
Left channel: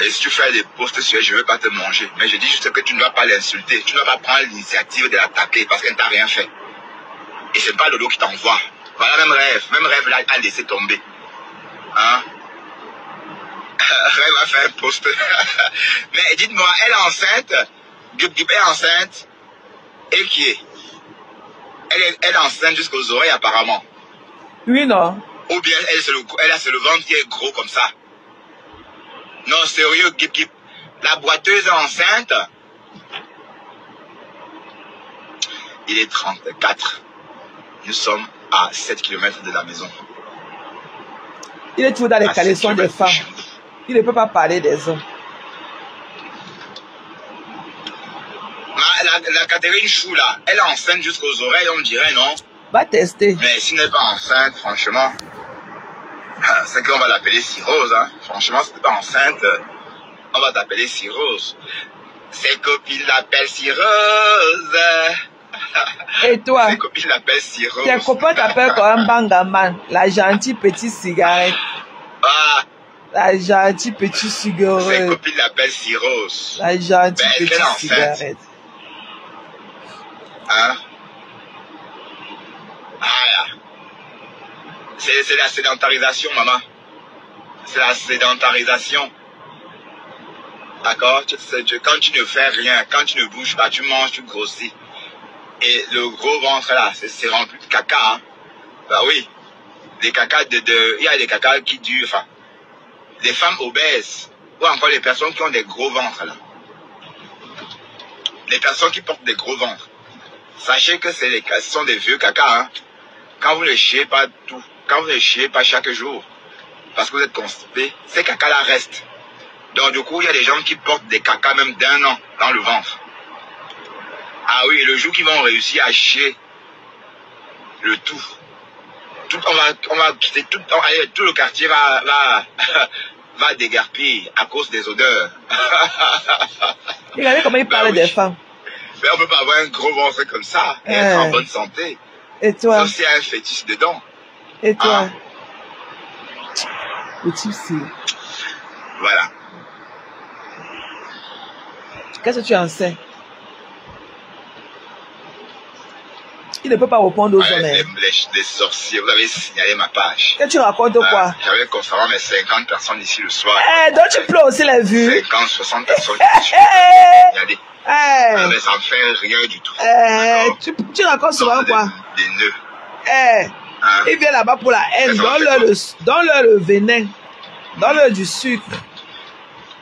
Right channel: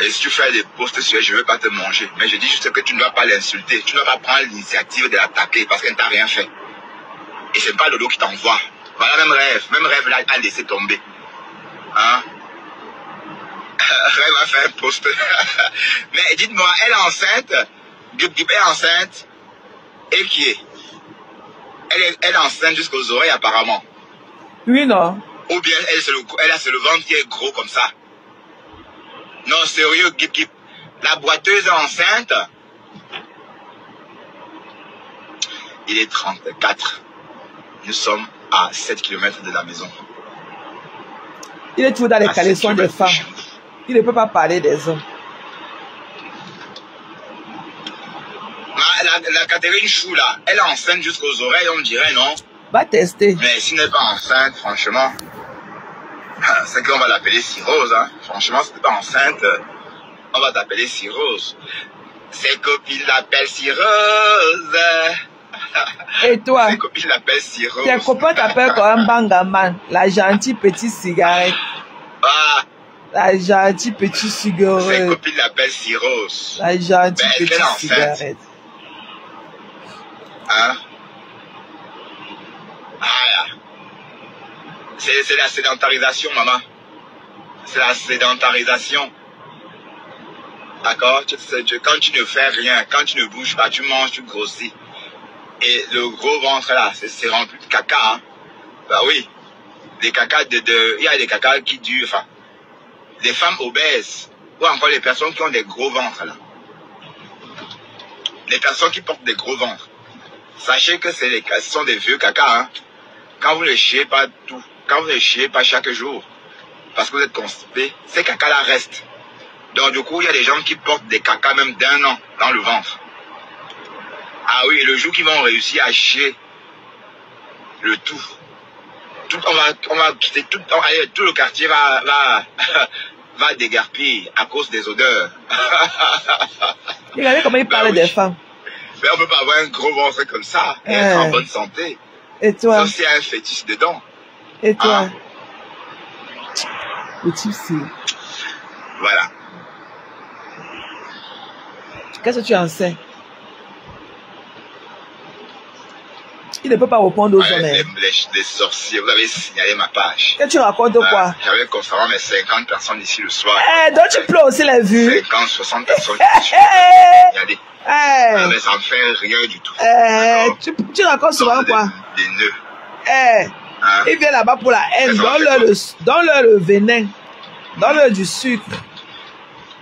Et si tu fais des posts sur elle, je ne veux pas te manger. Mais je dis juste que tu ne dois pas l'insulter. Tu ne dois pas prendre l'initiative de l'attaquer parce qu'elle ne t'a rien fait. Et c'est pas Lolo qui t'envoie. Voilà, même rêve là, elle a laissé tomber. Hein? Elle va faire un post. Mais dites-moi, elle est enceinte? Elle est enceinte? Et qui est? Elle est enceinte jusqu'aux oreilles apparemment. Oui, non. Ou bien elle a le ventre qui est gros comme ça. Non, sérieux, la boiteuse est enceinte. Il est 34. Nous sommes à 7 km de la maison. Il est toujours dans les caleçons des femmes. Il ne peut pas parler des hommes. La Catherine Chou là, elle est enceinte jusqu'aux oreilles, on dirait, non? Va tester. Mais si elle n'est pas enceinte, franchement, c'est qu'on va l'appeler cirrhose. Hein. Franchement, si tu n'es pas enceinte, on va t'appeler cirrhose. Ses copines l'appellent cirrhose. Et toi? Ses copines l'appellent cirrhose. Tes copains t'appellent comme un bangaman, la gentille petite cigarette. Ah. La gentille petite cigarette. Ses copines l'appellent cirrhose. La gentille petite cigarette. Hein? Voilà. C'est la sédentarisation, maman. C'est la sédentarisation. D'accord? Quand tu ne fais rien, quand tu ne bouges pas, tu manges, tu grossis. Et le gros ventre là, c'est rempli de caca. Hein? Bah oui. Des cacas il y a des cacas qui durent. Enfin, les femmes obèses, ou encore les personnes qui ont des gros ventres là. Les personnes qui portent des gros ventres. Sachez que ce sont des vieux caca. Hein? Quand vous ne chiez pas tout, quand vous ne chiez pas chaque jour, parce que vous êtes constipé, ces cacas-là restent. Donc du coup, il y a des gens qui portent des cacas même d'1 an dans le ventre. Ah oui, le jour qu'ils vont réussir à chier le tout, on va quitter tout le quartier va déguerpir à cause des odeurs. Regardez comment il parle des femmes. Mais on ne peut pas avoir un gros ventre comme ça et être en bonne santé. Et toi? Sauf s'il y a un fétiche dedans. Et toi? Le type, c'est... Voilà. Qu'est-ce que tu enseignes? Il ne peut pas répondre aux hommes. Les sorciers, vous avez signalé ma page. Et tu racontes quoi? J'avais conféré mes 50 personnes ici le soir. Donc tu pleures aussi les vues. 50, 60 personnes. Regardez. Mais ça ne fait rien du tout. Tu racontes souvent quoi? Des nœuds. Il vient là-bas pour la haine. Donne-leur le venin. Donne-leur du sucre.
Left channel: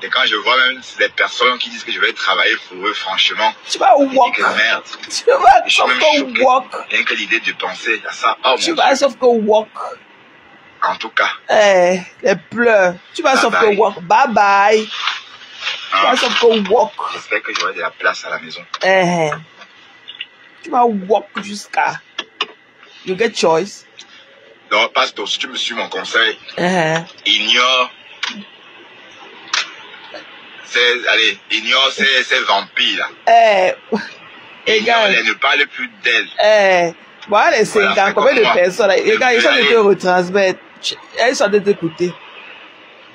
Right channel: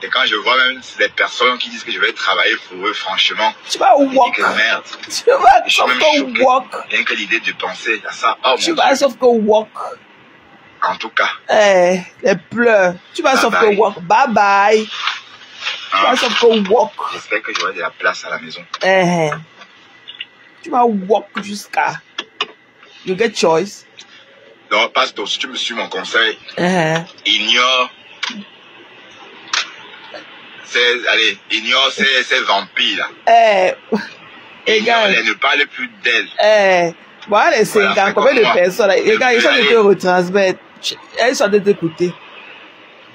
Et quand je vois même des personnes qui disent que je vais travailler pour eux, franchement, tu vas walk. Que merde. Tu vas sauf que walk. Rien que l'idée de penser à ça. Oh, tu vas sauf que walk. En tout cas. Les pleurs. Tu vas sauf que walk. Bye bye. Tu vas sauf que walk. J'espère que j'aurai de la place à la maison. Tu vas walk jusqu'à... You get choice. Donc, pasteur, si tu me suis mon conseil, ignore ces vampires là. Regarde. Ne parle plus d'elle. Voilà les 50, combien de personnes là? Regarde, ils sont de te retransmettre. Elles sont de t'écouter.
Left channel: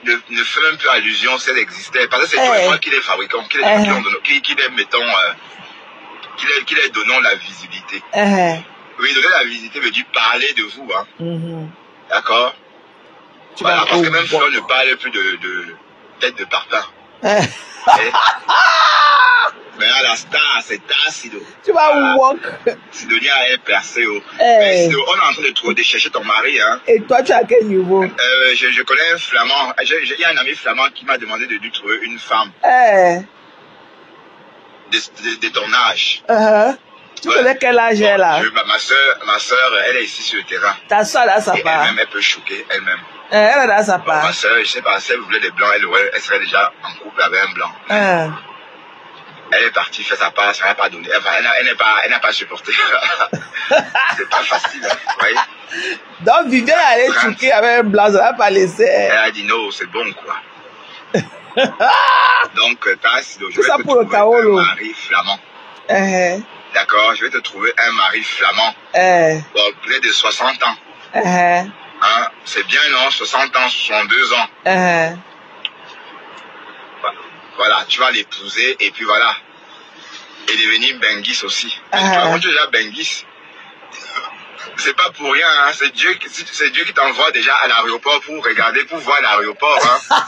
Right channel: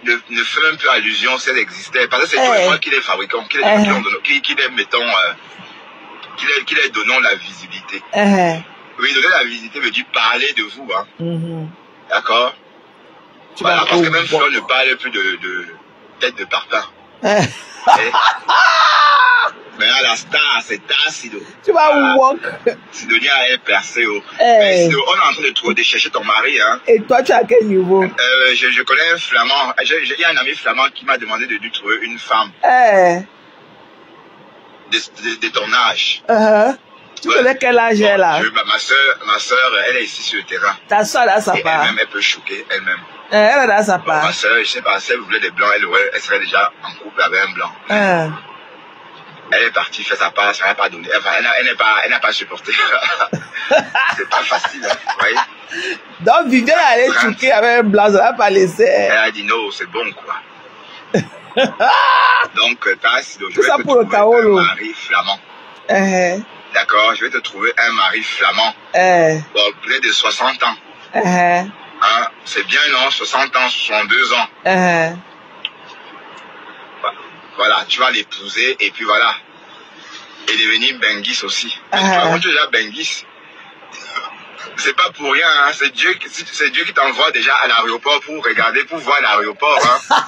Ne fais même plus allusion si elles existaient. Parce que c'est toi qui les fabriquons, qui les mettons, qui les donnons la visibilité. Oui, donner la visibilité veut dire parler de vous. Hein. D'accord? Voilà, parce que même Fleur ne parle plus de tête de parfum. Mais là, la star, c'est Tassido. Tu vas walk. Sidonie a percé. On est en train de chercher ton mari. Hein. Et toi, tu es à quel niveau? Je connais un flamand. Il y a un ami flamand qui m'a demandé de lui trouver une femme. De ton âge. Tu connais quel âge elle est là? Ma soeur, elle est ici sur le terrain. Ta soeur là, ça part. Elle peut choquer elle-même. Elle est là, ça part. Ma soeur, je ne sais pas, si elle voulait des blancs, elle serait déjà en couple avec un blanc. Elle est partie faire sa part, ça n'a pas donné. Elle n'a pas supporté. C'est pas facile, hein, vous voyez? Donc, Viviane allait choquer avec un blanc, ça n'a pas laissé. Elle a dit non, c'est bon, quoi. Donc, Tassido, je vais te trouver un mari flamand. D'accord, je vais te trouver un mari flamand. Bon, près de 60 ans. Hein, c'est bien, non? 60 ans, 62 ans. Voilà, tu vas l'épouser et puis voilà. Et devenir Bengis aussi. Quand tu es déjà Bengis, c'est pas pour rien, hein. C'est Dieu qui t'envoie déjà à l'aéroport pour regarder, pour voir l'aéroport. Hein.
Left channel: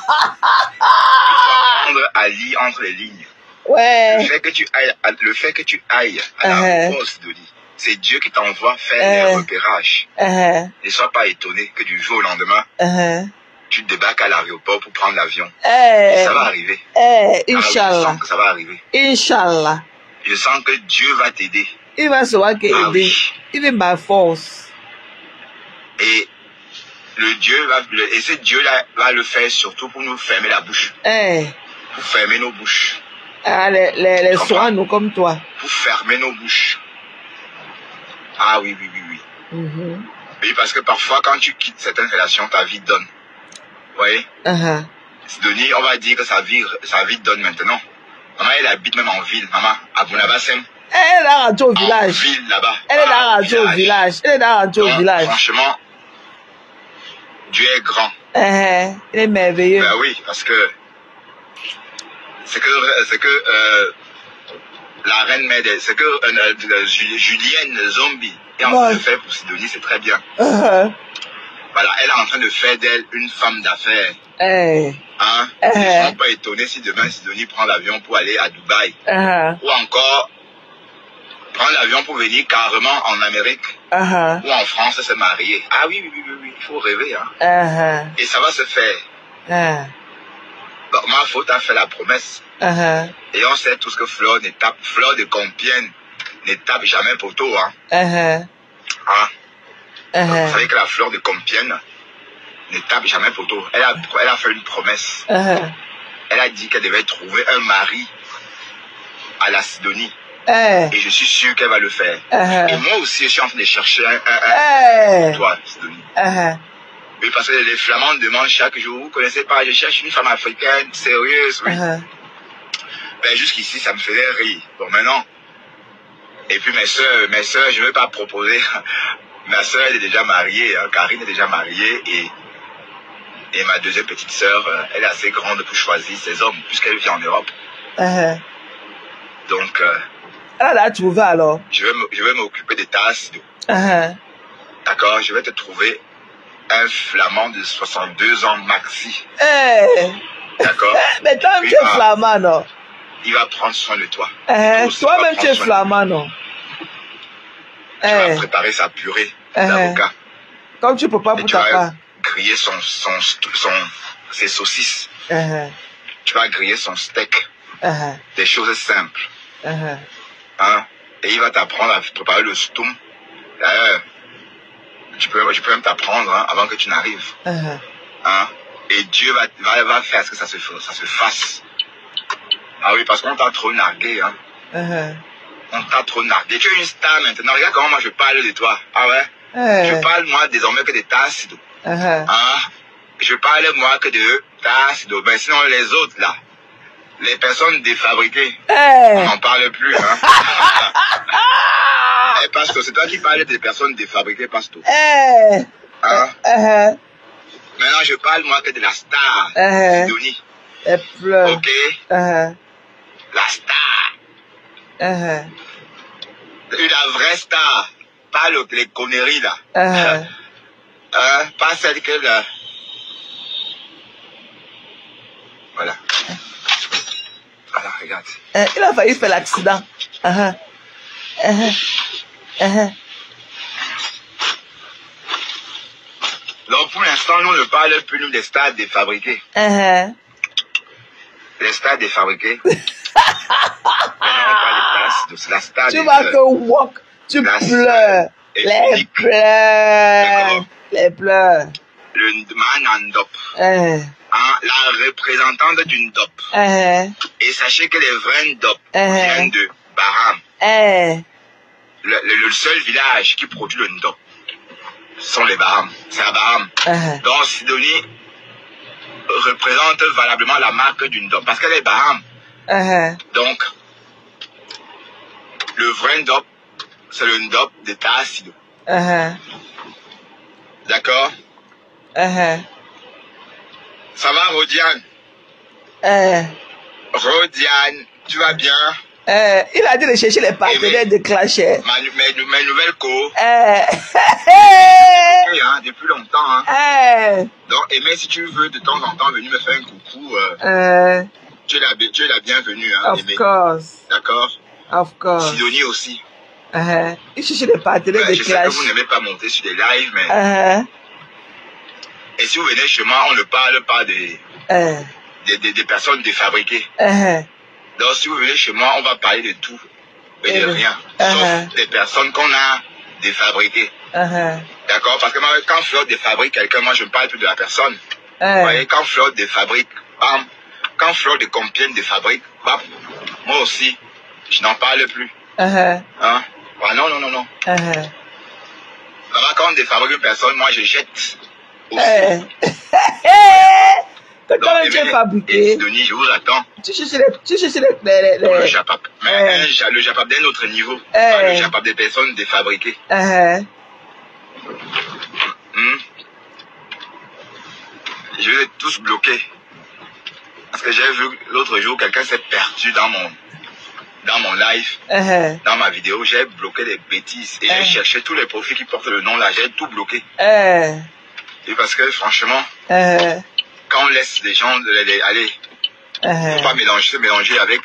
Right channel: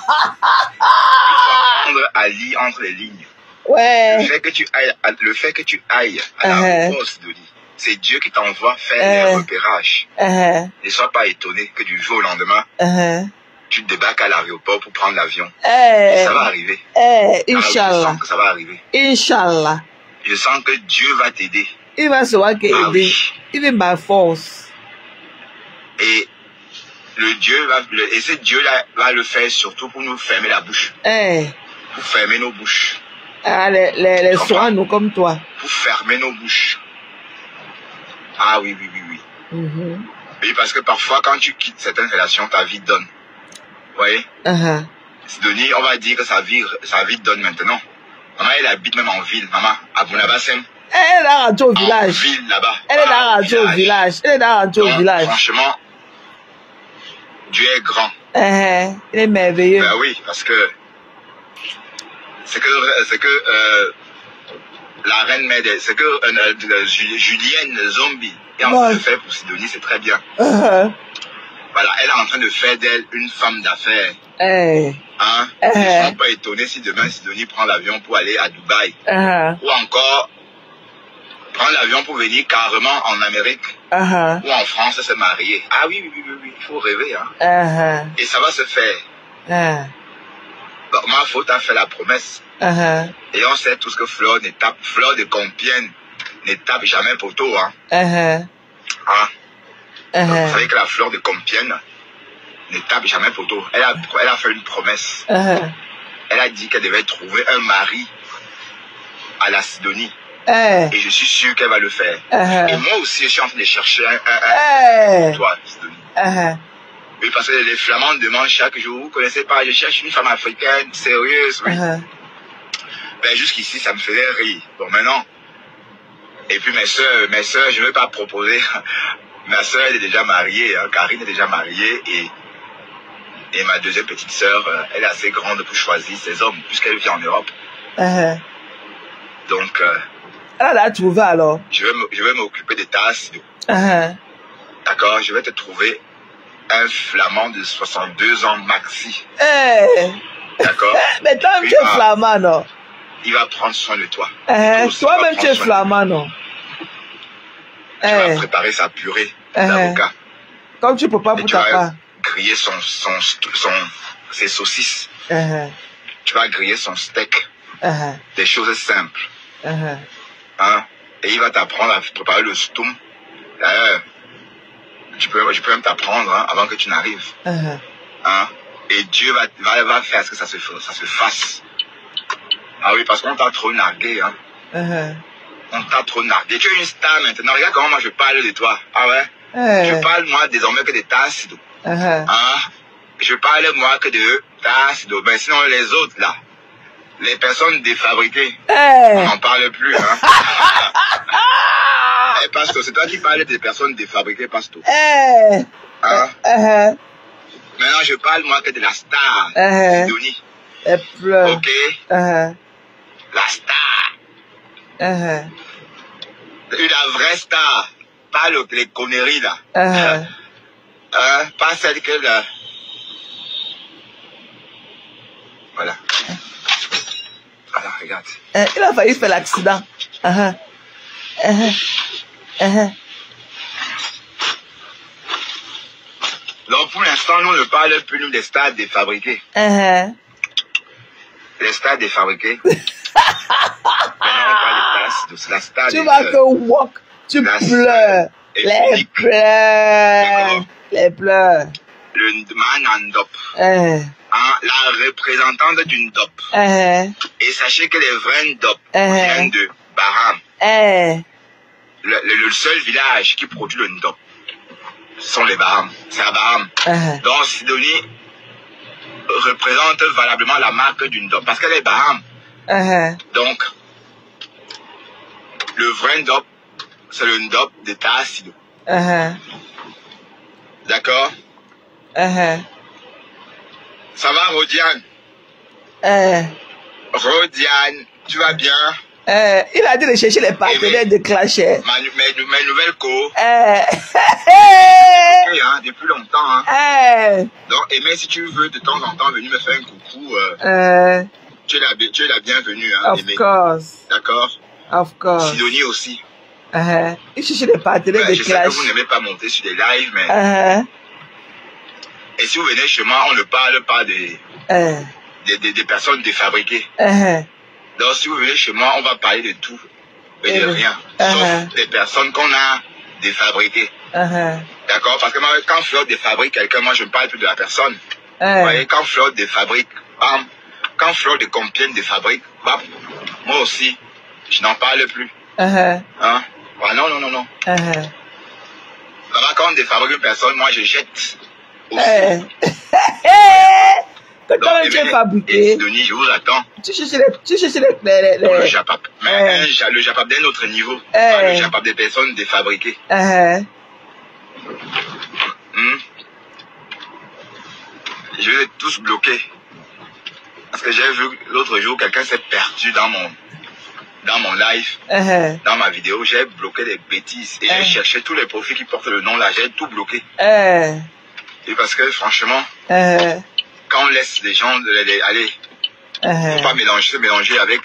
Pour Ali entre les lignes. Ouais. Le fait que tu ailles à l'aéroport, c'est Dieu qui t'envoie faire les repérages. Ne sois pas étonné que du jour au lendemain, tu débarques à l'aéroport pour prendre l'avion. Ça va arriver. Inch'Allah. Je sens que ça va arriver. Inch'Allah. Je sens que Dieu va t'aider. Il va se voir qu'il t'aider. Il est ma force. Et ce Dieu-là va le faire surtout pour nous fermer la bouche. Pour fermer nos bouches. Les soins, nous comme toi. Pour fermer nos bouches. Ah oui. Oui, parce que parfois, quand tu quittes certaines relations, ta vie donne. Vous voyez? Sidonie, on va dire que sa vie donne maintenant. Maman, elle habite même en ville, maman, à Bounabassin. Elle est là rentrée au village. En ville, là-bas. Elle est là rentrée au village. Elle est là rentrée au village. Franchement, Dieu est grand. Il est merveilleux. Ben oui, parce que c'est que la reine mère, c'est que Julienne Zombie est en train de faire pour Sidonie, c'est très bien. Voilà, elle est en train de faire d'elle une femme d'affaires. Hein? Je ne suis pas étonné si demain Sidonie prend l'avion pour aller à Dubaï. Ou encore prendre l'avion pour venir carrément en Amérique. Ou en France se marier. Ah oui, il faut rêver. Hein? Et ça va se faire. Donc, ma faute a fait la promesse. Et on sait tous que Fleur de Compiègne ne tape jamais poteau. Hein? Vous savez que la Fleur de Compiègne ne tape jamais poteau. Elle a fait une promesse. Elle a dit qu'elle devait trouver un mari à la Sidonie. Et je suis sûr qu'elle va le faire. Et moi aussi, je suis en train de chercher un pour toi, Sidonie. Oui, parce que les Flamands demandent chaque jour, vous ne connaissez pas, je cherche une femme africaine sérieuse. Oui. Ben, jusqu'ici, ça me faisait rire. Bon, maintenant. Et puis mes soeurs, je ne vais pas proposer. Ma soeur, elle est déjà mariée, hein, Karine est déjà mariée, et ma deuxième petite soeur, elle est assez grande pour choisir ses hommes, puisqu'elle vit en Europe. Donc, elle a trouvé alors. Je vais m'occuper de Tassido. D'accord, je vais te trouver un Flamand de 62 ans maxi. D'accord. Mais toi, tu es Flamand, non? Il va prendre soin de toi. Toi-même, tu es Flamand, non? Tu vas préparer sa purée d'avocat. Comme tu ne peux pas pour ta part. Griller ses saucisses. Tu vas griller son steak. Des choses simples. Hein? Et il va t'apprendre à préparer le stoum. D'ailleurs, je peux même t'apprendre avant que tu n'arrives. Hein? Et Dieu va faire ce que ça se fasse. Ah oui, parce qu'on t'a trop nargué. Hein? On t'a trop nargué. Tu es une star maintenant. Regarde comment moi je parle de toi. Ah ouais? Je parle moi désormais que de Tassido. Je parle moi que de Tassido. Mais sinon les autres là, les personnes défabriquées, on n'en parle plus. Hein? Et Pastor, c'est toi qui parles des personnes défabriquées, Pastor. Hein? Maintenant je parle moi que de la star, Sidonie. Ok? La star. Une vraie star. Pas les conneries là. Pas celle que voilà. Voilà, regarde. Il a failli faire l'accident. Donc, pour l'instant, nous ne parlons plus nous, des stades défabriqués. Les stades défabriqués. Tu vas que walk, tu pleures. Les pleurs. Les pleurs. Le man en DOP. La représentante d'une DOP. Et sachez que les vrais DOP viennent de Baham. Le seul village qui produit le DOP sont les Baham. C'est à Baham. Donc, Sidonie représente valablement la marque d'une DOP. Parce qu'elle est Baham. Donc, le vrai DOP, c'est le DOP de Tassido. D'accord? Ça va, Rodiane? Rodiane, tu vas bien? Il a dit de chercher les partenaires de Clasher. Mes nouvelles co. Depuis longtemps. Donc, Aimé, si tu veux de temps en temps venir me faire un coucou, tu es la bienvenue. Of course. D'accord? Of course. Sidonie aussi. Il cherche les partenaires de Clash. Je sais que vous n'aimez pas monter sur des lives, mais... Et si vous venez chez moi, on ne parle pas des personnes défabriquées. Donc, si vous venez chez moi, on va parler de tout et de rien. Sauf des personnes qu'on a défabriquées. D'accord? Parce que moi, quand Fleur défabrique quelqu'un, moi, je ne parle plus de la personne. Vous voyez, quand Fleur défabrique, bam. Quand Fleur de Compiègne défabrique, bam. Moi aussi, je n'en parle plus. Hein? Ah, non. Quand on défabrique une personne, moi, je jette. Quand tu es fabriqué, Sidonie, je vous attends. Tu cherches les... Le Japap. Mais le Japap d'un autre niveau. Le Japap des personnes défabriquées. Je vais tous bloquer. Parce que j'ai vu l'autre jour, quelqu'un s'est perdu dans mon live, dans ma vidéo. J'ai bloqué les bêtises. Et j'ai cherché tous les profils qui portent le nom là. J'ai tout bloqué. Et parce que franchement, quand on laisse les gens aller, faut pas se mélanger avec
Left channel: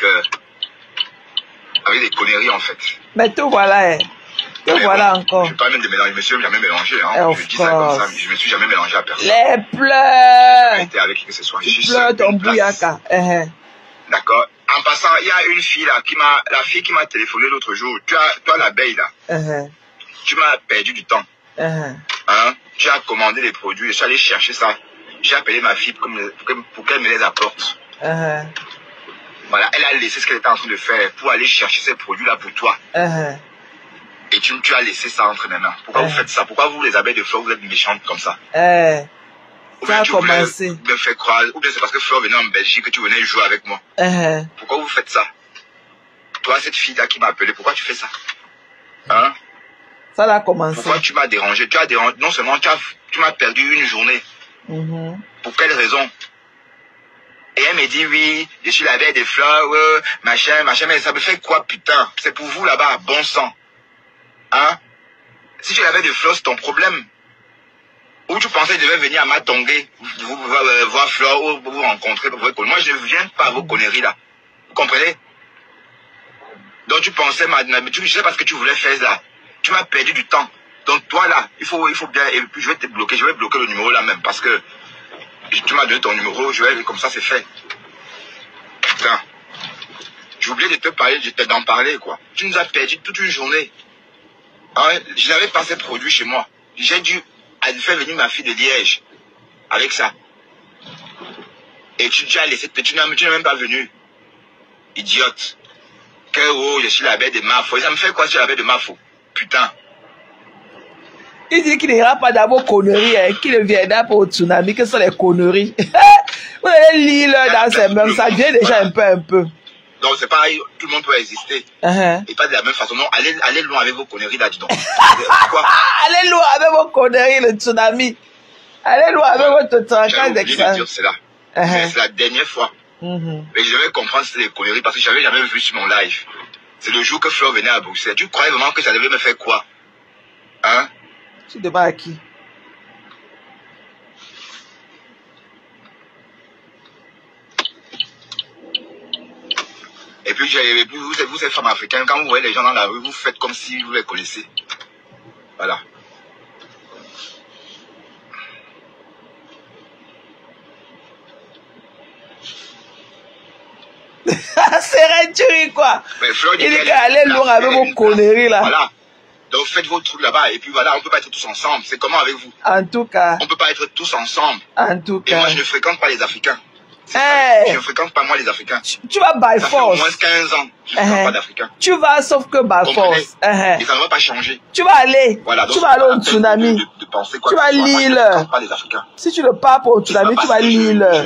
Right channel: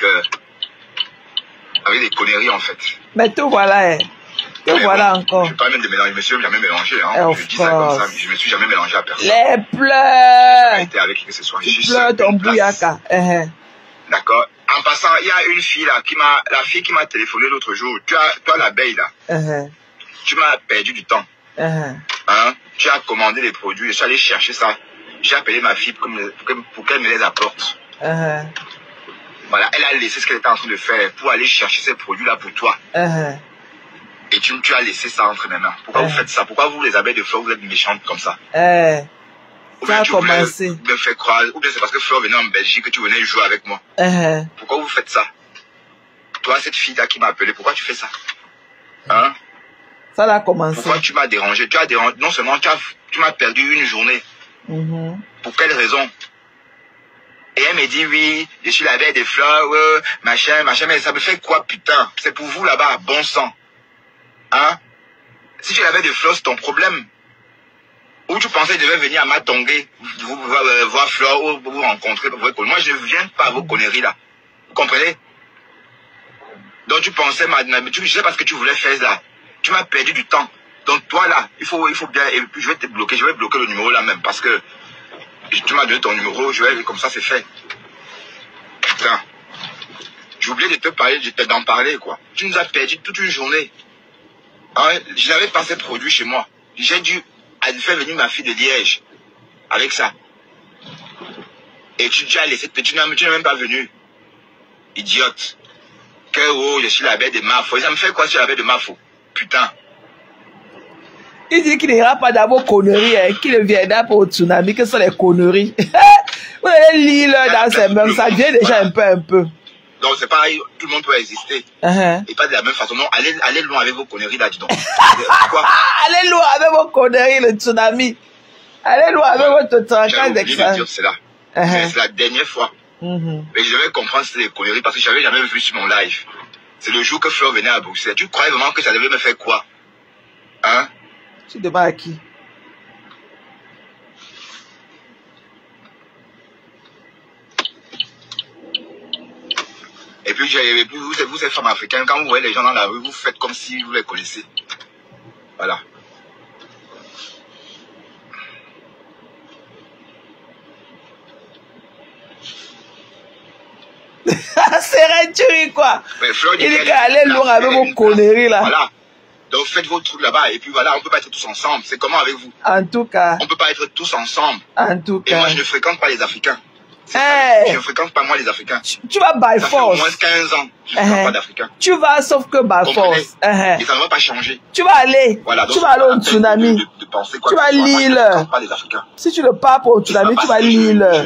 des conneries en fait. Mais tout voilà. Tout voilà encore. Je ne pas même de mélanger, je me suis jamais mélangé. Je dis ça comme ça, je me suis jamais mélangé à personne. Les pleurs. J'ai été avec qui que ce soit. Tu pleures ton bouyaka. D'accord. En passant, il y a une fille là, la fille qui m'a téléphoné l'autre jour. Toi l'abeille là. Tu m'as perdu du temps. Tu as commandé les produits, je suis allé chercher ça. J'ai appelé ma fille pour qu'elle me les apporte. Voilà, elle a laissé ce qu'elle était en train de faire pour aller chercher ces produits-là pour toi. Et tu as laissé ça entre mes mains. Pourquoi vous faites ça? Pourquoi vous, les abeilles de Fleur, vous êtes méchantes comme ça? Ou bien tu voulais me faire croire, ou bien c'est parce que Fleur venait en Belgique que tu venais jouer avec moi. Pourquoi vous faites ça? Toi, cette fille-là qui m'a appelé, pourquoi tu fais ça? Hein? Ça a commencé. Pourquoi tu m'as dérangé? Tu as dérangé, non seulement tu m'as perdu une journée. Pour quelle raison? Et elle me dit, oui, je suis l'abeille des fleurs, machin, mais ça me fait quoi, putain? C'est pour vous là-bas, bon sang. Hein? Si tu avais des fleurs, c'est ton problème. Ou tu pensais que je devais venir à Matongé, voir Fleur, ou vous rencontrer. Moi, je ne viens pas à vos conneries là. Vous comprenez? Donc tu pensais, je sais pas ce que tu voulais faire là. Tu m'as perdu du temps. Donc toi là, il faut bien, et puis je vais te bloquer, je vais bloquer le numéro là même, parce que tu m'as donné ton numéro, comme ça c'est fait. Putain. J'ai oublié de te parler, d'en parler quoi. Tu nous as perdu toute une journée. Hein? Je n'avais pas fait produit chez moi. J'ai dû faire venir ma fille de Liège avec ça. Et tu as laissé, tu n'es même pas venu. Idiote. Que je suis la bête de Mafo. Ça me fait quoi sur la bête de Mafo? Putain. Il dit qu'il n'ira pas dans vos conneries, qu'il ne viendra pas au tsunami, que ce sont les conneries. Vous allez lire dans ces mêmes, ça vient déjà un peu. Donc c'est pareil, tout le monde peut exister. Et pas de la même façon. Non, allez loin avec vos conneries là, dis donc. Allez loin avec vos conneries, le tsunami. Allez loin avec votre traquage d'examen. C'est là. C'est la dernière fois. Mais je devais comprendre si c'était des conneries parce que je n'avais jamais vu sur mon live. C'est le jour que Fleur venait à Bruxelles. Tu croyais vraiment que ça devait me faire quoi? Hein? Tu demandes à qui? puis vous êtes femme africaine, quand vous voyez les gens dans la rue, vous faites comme si vous les connaissez. Voilà. C'est réduit, quoi. Il est allé loin avec vos conneries, là. Voilà. Donc faites vos trucs là-bas. Et puis voilà, on ne peut pas être tous ensemble. C'est comment avec vous? En tout cas. On ne peut pas être tous ensemble. En tout cas. Et moi, je ne fréquente pas les Africains. Hey. Je ne fréquente pas moi les Africains. Tu vas by ça force. Ça fait au moins 15 ans. Je ne fréquente pas d'Africains. Tu vas sauf que by force. Et ça ne va pas changer. Tu vas aller. Voilà, donc tu vas aller au tsunami. De penser quoi tu vas lire. Je ne fréquente pas les Africains. Si tu ne pars pas au tsunami, tu vas lire.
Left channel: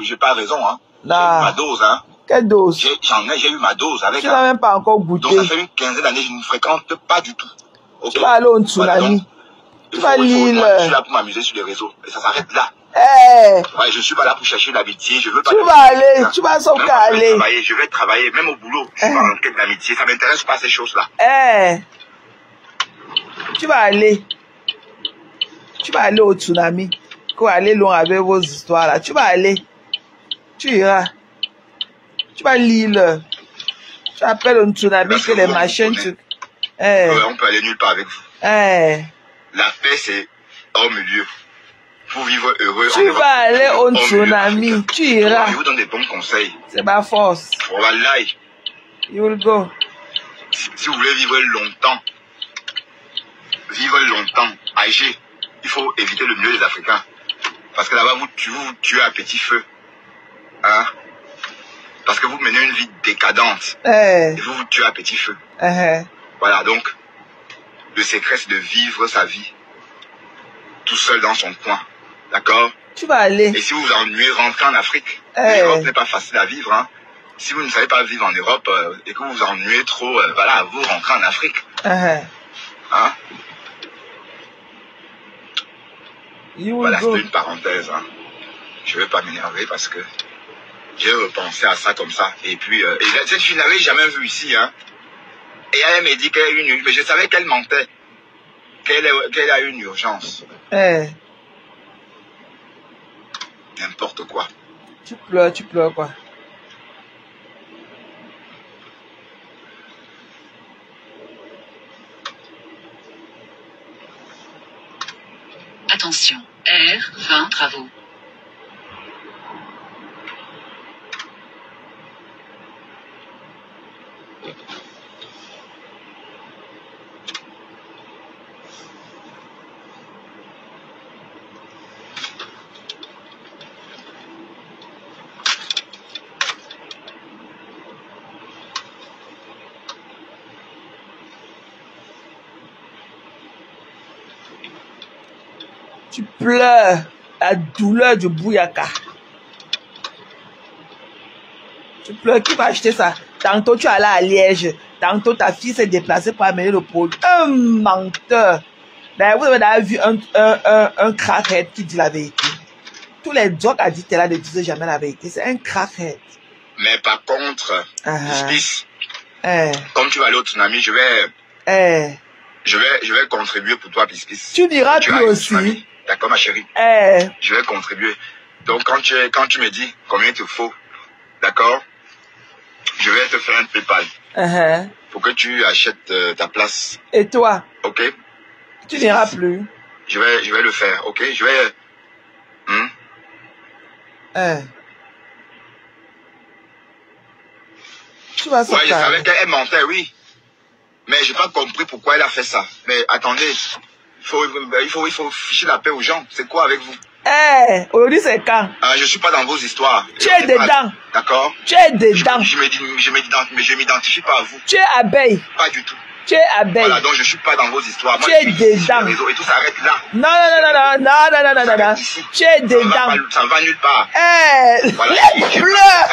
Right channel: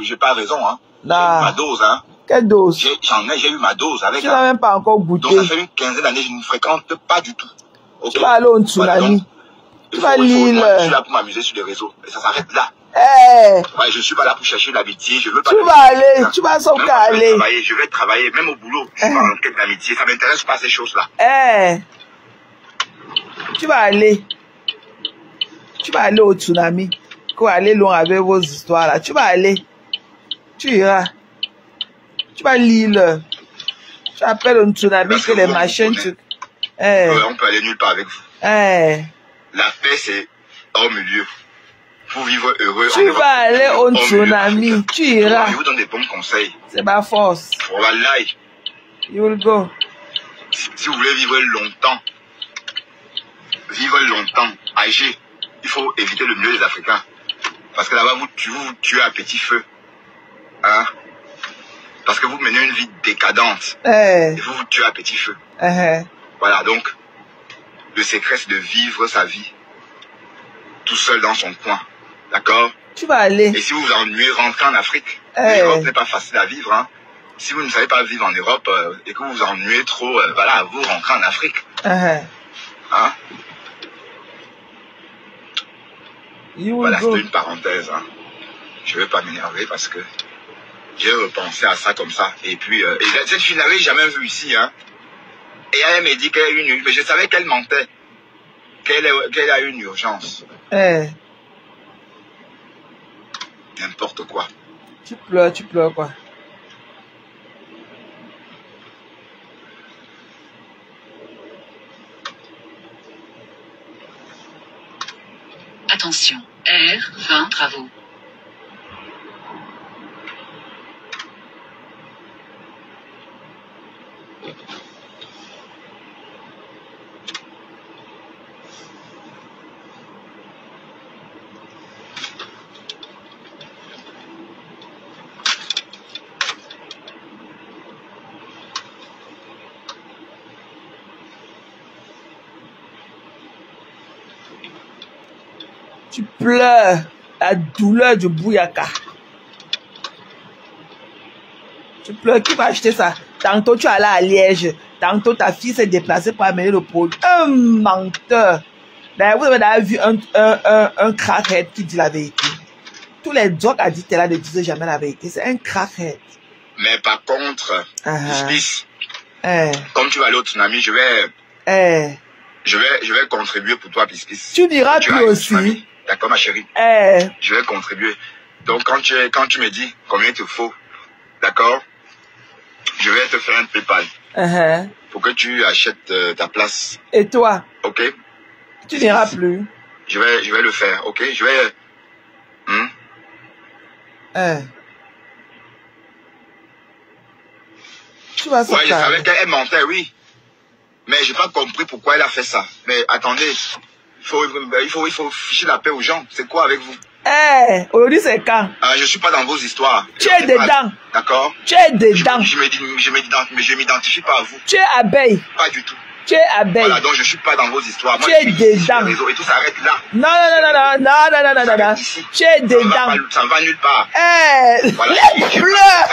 Je n'ai pas raison, hein. Non. J'ai ma dose, hein. Quelle dose? J'ai eu ma dose avec. Tu n'as même pas encore goûté. Donc ça fait une quinzaine d'années que je ne fréquente pas du tout. Okay. Tu vas aller au tsunami. Tu vas lire. Je suis là pour m'amuser sur les réseaux. Et ça s'arrête là. Ouais, je ne suis pas là pour chercher l'amitié. Je veux pas. Tu vas aller. Tu vas sans qu'à aller. Je vais travailler, même au boulot. Je suis pas en quête d'amitié. Ça m'intéresse pas ces choses-là. Tu vas aller. Tu vas aller au tsunami. Tu vas aller loin avec vos histoires là. Tu vas aller. Tu iras. Tu vas lire. Tu appelles un tsunami que les machines. On peut aller nulle part avec vous. La paix, c'est hors milieu. Pour vivre heureux. Tu vas aller au tsunami. Tu iras. Je vous donne des bons conseils. C'est ma force. Voilà. You will go. Si vous voulez vivre longtemps, âgé, il faut éviter le milieu des Africains. Parce que là-bas, vous tuez à petit feu. Hein? Parce que vous menez une vie décadente. Et vous tuez à petit feu. Voilà, donc, le secret, c'est de vivre sa vie tout seul dans son coin. D'accord? Tu vas aller. Et si vous vous ennuyez, rentrez en Afrique. L'Europe n'est pas facile à vivre. Hein. Si vous ne savez pas vivre en Europe et que vous vous ennuyez trop, voilà, vous rentrez en Afrique. Hein? Voilà, c'était une parenthèse. Hein. Je ne vais pas m'énerver parce que j'ai repensé à ça comme ça. Et puis, cette fille n'avait jamais vu ici. Hein. Et elle m'a dit qu'elle a une... Mais je savais qu'elle mentait. Qu'elle a une urgence. N'importe quoi. Tu pleures quoi. Attention, R20 travaux. Tu pleures la douleur du bouyaka. Tu pleures, qui va acheter ça? Tantôt tu es allé à Liège, tantôt ta fille s'est déplacée pour amener le produit. Un menteur. D'ailleurs, vous avez vu un crackhead qui dit la vérité. Tous les drogues addicts là ne disaient jamais la vérité. C'est un crackhead. Mais par contre, comme tu vas aller au tsunami, je vais contribuer pour toi, Piscis. Tu diras plus aussi. D'accord, ma chérie. Je vais contribuer. Donc, quand tu me dis combien il te faut, d'accord, je vais te faire un PayPal. Pour que tu achètes ta place. Et toi? Ok. Tu n'iras plus. Je vais le faire, ok. Je vais... Tu vas ouais, je savais qu'elle mentait, oui. Mais j'ai pas compris pourquoi elle a fait ça. Mais attendez, il faut ficher la paix aux gens. C'est quoi avec vous? Aujourd'hui c'est quand? Je suis pas dans vos histoires. Tu es dedans. D'accord? Tu es dedans. Je m'identifie pas à vous. Tu es abeille. Pas du tout. Tu es abeille. Voilà, donc je suis pas dans vos histoires. Tu es dedans. Et tout s'arrête là. Non. Tu es dedans. Ça ne va nulle part. Voilà, les pleurs.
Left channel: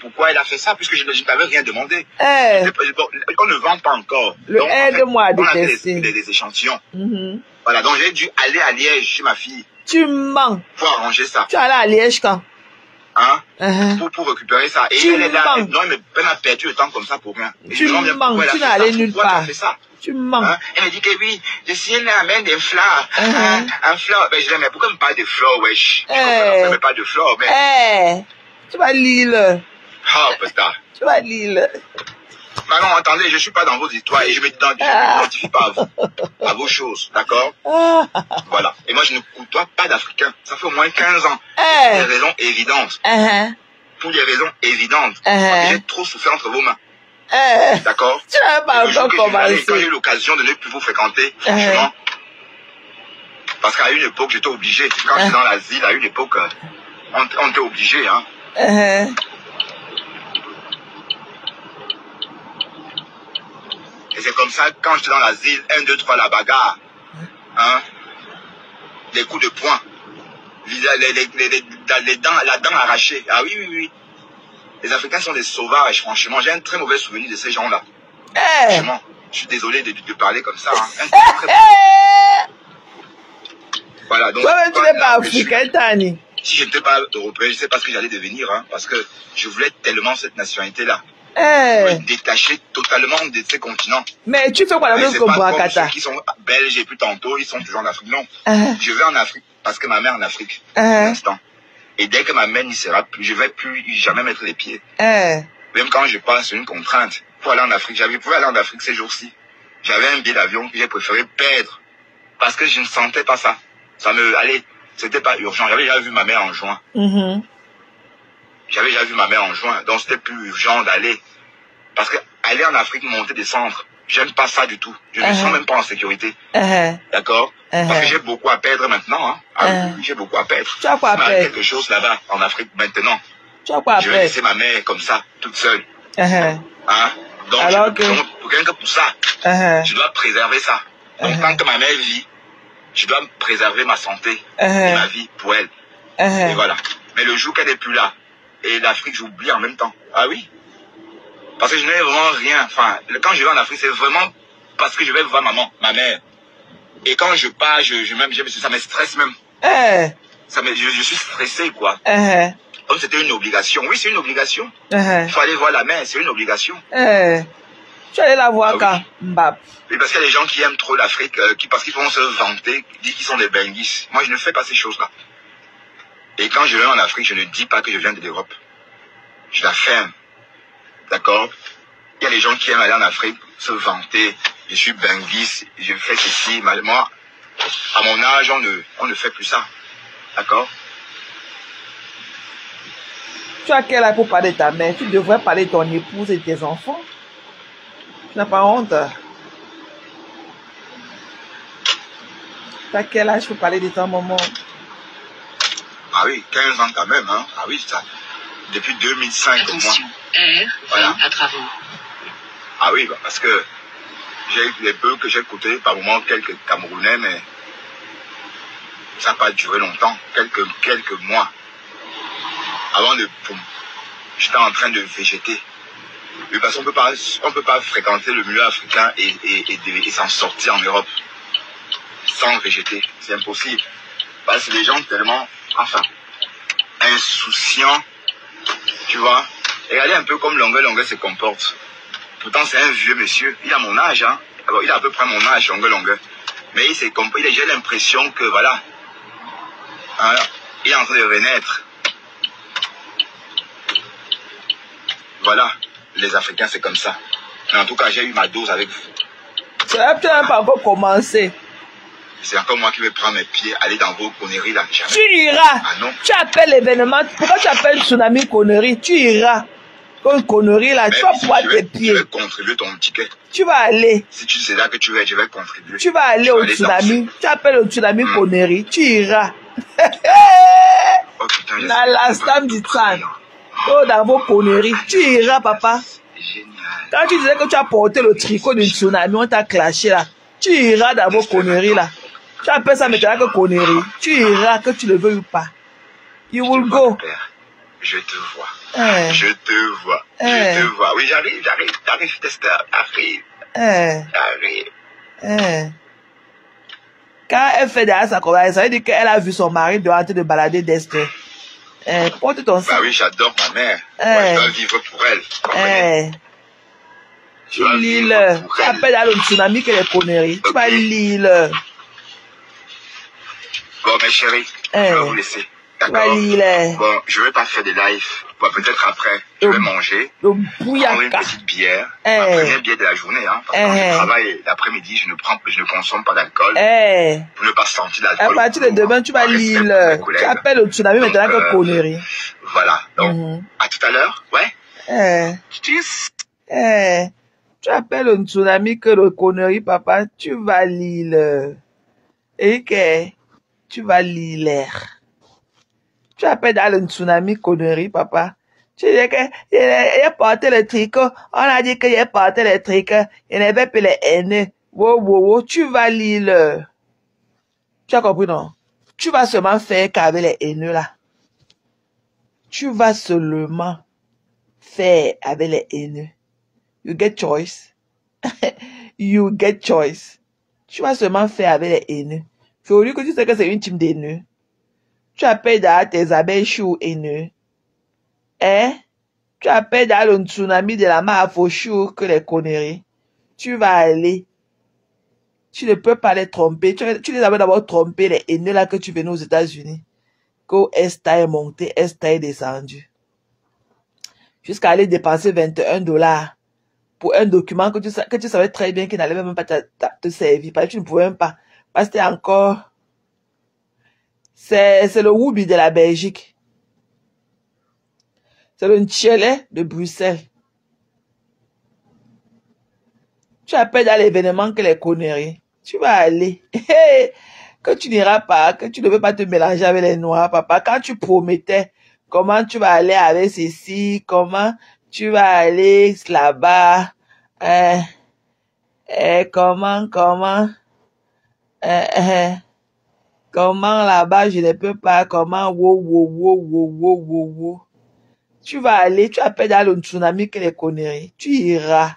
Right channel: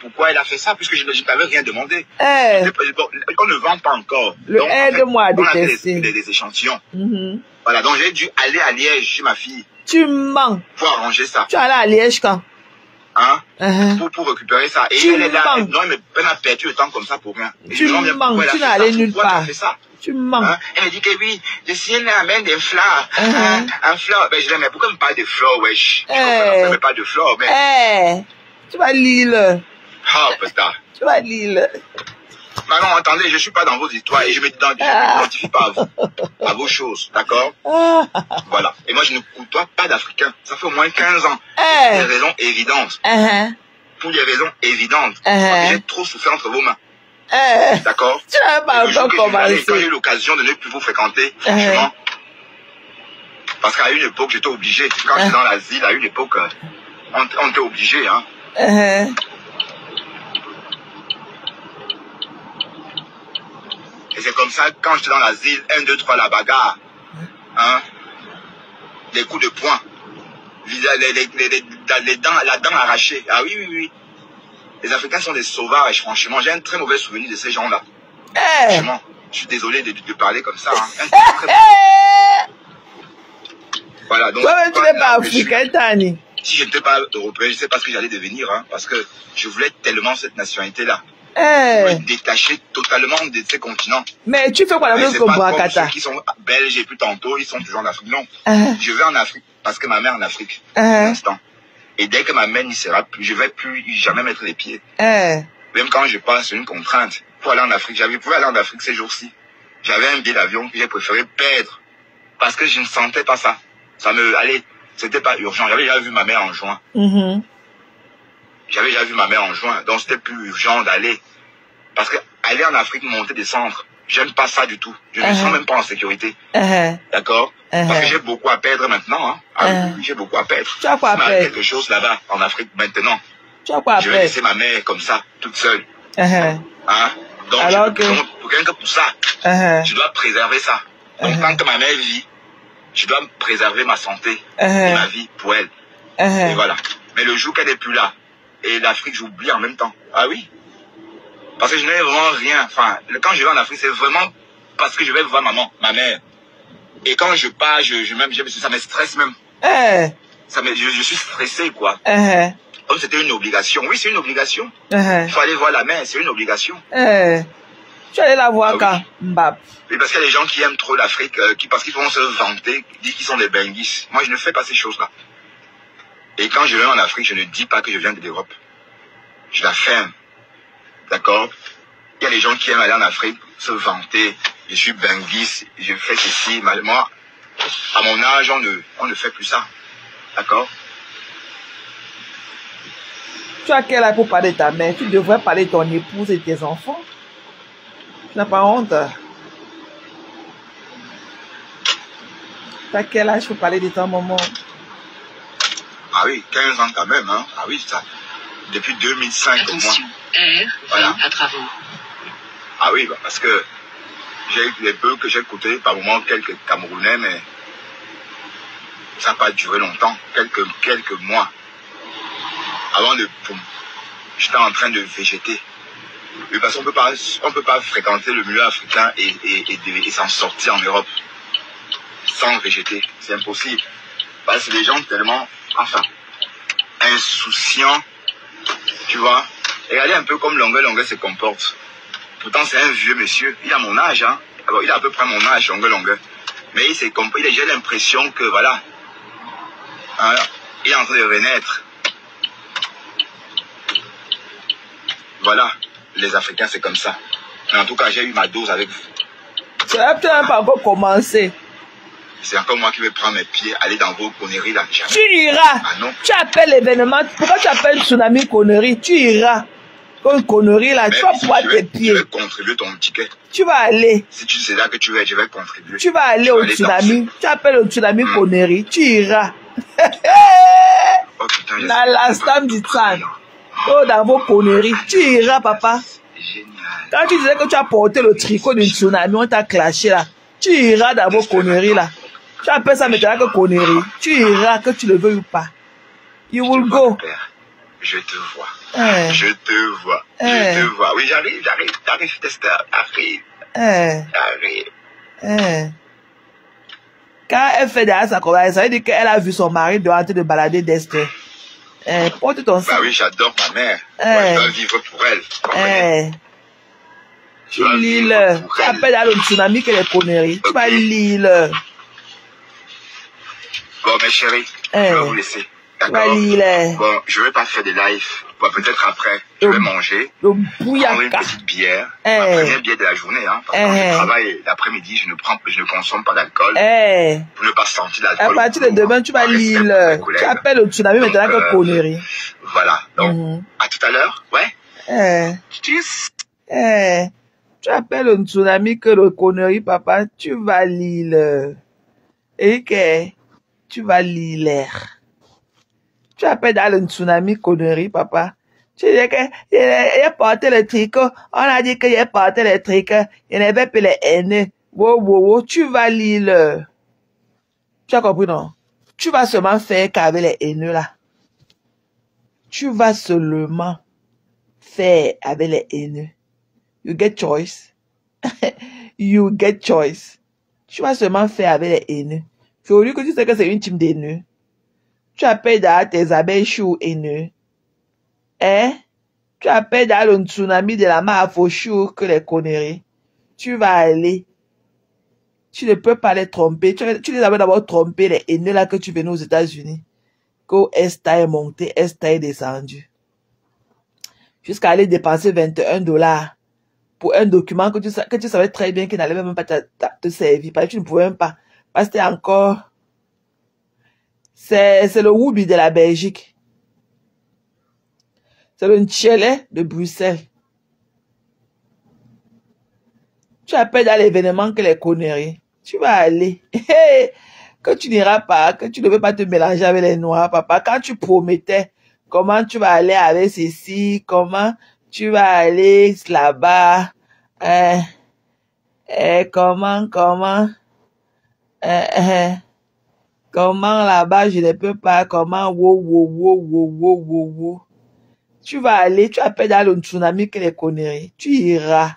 Pourquoi elle a fait ça, puisque je ne t'avais rien demandé. Qu'on ne vend pas encore. Donc, aide-moi à détester. Des échantillons. Voilà, donc j'ai dû aller à Liège chez ma fille. Tu mens. Pour arranger ça. Tu es allé à Liège quand? Pour récupérer ça. Et elle est là. Non, mais elle a perdu le temps comme ça pour rien. Tu mens, tu n'es allé nulle part. Tu mens. Elle me dit que oui, je suis une amène des fleurs. Un fleur. Ben, je dis, mais pourquoi me parle de fleurs, wesh? Je ne me parle de fleurs, mais... Tu vas lire. Oh, putain. Tu vas lire. Non, attendez, je ne suis pas dans vos histoires et je m'identifie pas à vos choses, d'accord? Voilà. Et moi, je ne côtoie pas d'Africains. Ça fait au moins 15 ans. Pour des raisons évidentes. Pour des raisons évidentes. J'ai trop souffert entre vos mains. D'accord? Tu n'as pas encore commencé. Quand j'ai eu l'occasion de ne plus vous fréquenter, franchement, parce qu'à une époque, j'étais obligé. Quand j'étais dans l'asile, à une époque, on était obligé, hein. Et c'est comme ça, quand j'étais dans l'asile, 1, 2, 3, la bagarre, hein, des coups de poing, la dent arrachée. Ah oui, oui, oui. Les Africains sont des sauvages, franchement. J'ai un très mauvais souvenir de ces gens-là. Franchement, je suis désolé de parler comme ça. Hein. Voilà, donc... tu n'es pas africain, Tani. Si je n'étais pas européen, je ne sais pas ce que j'allais devenir, hein, parce que je voulais tellement cette nationalité-là. Me détacher totalement de ces continents. Mais tu fais quoi dans notre Bouakata? Ceux qui sont belges et puis tantôt, ils sont toujours en Afrique. Non, je vais en Afrique parce que ma mère est en Afrique pour l'instant. Et dès que ma mère n'y sera plus, je ne vais plus jamais mettre les pieds. Même quand je passe, c'est une contrainte. Pour aller en Afrique, j'avais pu aller en Afrique ces jours-ci. J'avais un billet d'avion que j'ai préféré perdre parce que je ne sentais pas ça. C'était pas urgent. J'avais déjà vu ma mère en juin. J'avais déjà vu ma mère en juin, donc c'était plus urgent d'aller. Parce que aller en Afrique, monter, descendre, j'aime pas ça du tout. Je ne me sens même pas en sécurité. D'accord? Parce que j'ai beaucoup à perdre maintenant. Hein. J'ai beaucoup à perdre. Tu as quoi à perdre? Quelque chose là-bas, en Afrique, maintenant. Tu as quoi à je vais perdre? laisser ma mère comme ça, toute seule. Hein? Donc, rien que pour ça, je dois préserver ça. Donc, tant que ma mère vit, je dois préserver ma santé et ma vie pour elle. Et voilà. Mais le jour qu'elle n'est plus là, et l'Afrique, j'oublie en même temps. Ah oui? Parce que je n'ai vraiment rien. Enfin, quand je vais en Afrique, c'est vraiment parce que je vais voir ma mère. Et quand je pars, ça me stresse même. Je suis stressé, quoi. Comme c'était une obligation. Oui, c'est une obligation. Il faut aller voir la mère, c'est une obligation. Tu allais la voir quand? Mbap. Oui, parce qu'il y a des gens qui aiment trop l'Afrique, parce qu'ils vont se vanter, disent qu'ils sont des benguis. Moi, je ne fais pas ces choses-là. Et quand je vais en Afrique, je ne dis pas que je viens de l'Europe. Je l'affirme. D'accord? Il y a des gens qui aiment aller en Afrique, se vanter. Je suis benguis, je fais ceci. Moi, à mon âge, on ne fait plus ça. D'accord? Tu as quel âge pour parler de ta mère? Tu devrais parler de ton épouse et de tes enfants. Tu n'as pas honte? Tu as quel âge pour parler de ta maman? Ah oui, 15 ans quand même, hein. Ah oui, ça. Depuis 2005 au moins. Voilà. Ah oui, parce que j'ai eu les peu que j'ai écouté, par moment quelques Camerounais, mais ça n'a pas duré longtemps, quelques mois. Avant de boum, j'étais en train de végéter. Oui, parce qu'on ne peut pas fréquenter le milieu africain et s'en sortir en Europe sans végéter. C'est impossible. Parce que les gens tellement, enfin, insouciants, tu vois. Regardez un peu comme Longue se comporte. Pourtant, c'est un vieux monsieur. Il a mon âge, hein. Alors, il a à peu près mon âge, Longue. Mais j'ai l'impression que, voilà, hein, il est en train de renaître. Voilà, les Africains, c'est comme ça. Mais en tout cas, j'ai eu ma dose avec vous. Tu n'as peut-être pas encore commencé. C'est encore moi qui vais prendre mes pieds, aller dans vos conneries là. Tu iras. Ah non. Tu appelles l'événement. Pourquoi tu appelles tsunami connerie? Tu iras. Comme connerie là, tu vas poids tes pieds. Je vais contribuer ton ticket. Tu vas aller. Si tu sais là que tu veux, je vais contribuer. Tu vas aller au tsunami. Tu appelles au tsunami connerie. Tu iras. Oh putain, dans l'instant du temps. Oh, dans vos conneries. Tu iras, papa. Génial. Quand tu disais que tu as porté le tricot du tsunami, on t'a clashé là. Tu iras dans vos conneries là. Tu appelles ça maintenant que conneries. Tu iras, que tu le veux ou pas. You will go. Je te vois. Je te vois. Je te vois. Oui, j'arrive. Tester, j'arrive. Quand elle fait derrière sa colère, ça veut dire qu'elle a vu son mari dehors en train de balader d'Esther. Porte ton sang. Bah oui, j'adore ma mère. Moi, je vais vivre pour elle. Tu lis le. Tu appelles à le tsunami que les conneries. Tu vas lire le. Bon, mes chéris, je vais vous laisser. Tu vas lire le. Bon, je vais pas faire de live Ouais, peut-être après, je vais manger, prendre une petite bière, ma première bière de la journée, hein, parce que quand je travaille l'après-midi, je ne consomme pas d'alcool, pour ne pas sentir l'alcool. À partir de demain, tu vas lire, tu appelles au tsunami maintenant que connerie. Voilà, donc, à tout à l'heure, ouais. Tu appelles au tsunami que le connerie, papa, tu vas lire. Et que tu vas lire l'air. Tu appelles dans le tsunami connerie, papa. Tu dis qu'il a porté le tricot. On a dit qu'il a porté le tricot. Il n'avait pas les haineux. Wow. Tu vas lire. Tu as compris, non? Tu vas seulement faire qu'avec les haineux, là. Tu vas seulement faire avec les haineux. You get choice. You get choice. Tu vas seulement faire avec les haineux. C'est au lieu que tu sais que c'est une team d'haineux. Tu appelles dans tes abeilles chou haineux. Hein? Tu appelles dans le tsunami de la mare faux chou que les conneries. Tu vas aller. Tu ne peux pas les tromper. Tu les avais d'abord trompé, les haineux là que tu venais aux États-Unis. Quand Est est monté, Est est descendu. Jusqu'à aller dépenser $21 pour un document que tu savais très bien qu'il n'allait même pas te servir. Parce que tu ne pouvais même pas. Parce que c'était encore... C'est le Woubi de la Belgique. C'est le Tchelet de Bruxelles. Tu appelles dans l'événement que les conneries. Tu vas aller. Que tu n'iras pas, que tu ne veux pas te mélanger avec les noirs, papa. Quand tu promettais comment tu vas aller avec ceci, comment tu vas aller là-bas, comment là-bas je ne peux pas, comment, wow. Tu vas aller, tu appelles dans le tsunami que les conneries. Tu iras.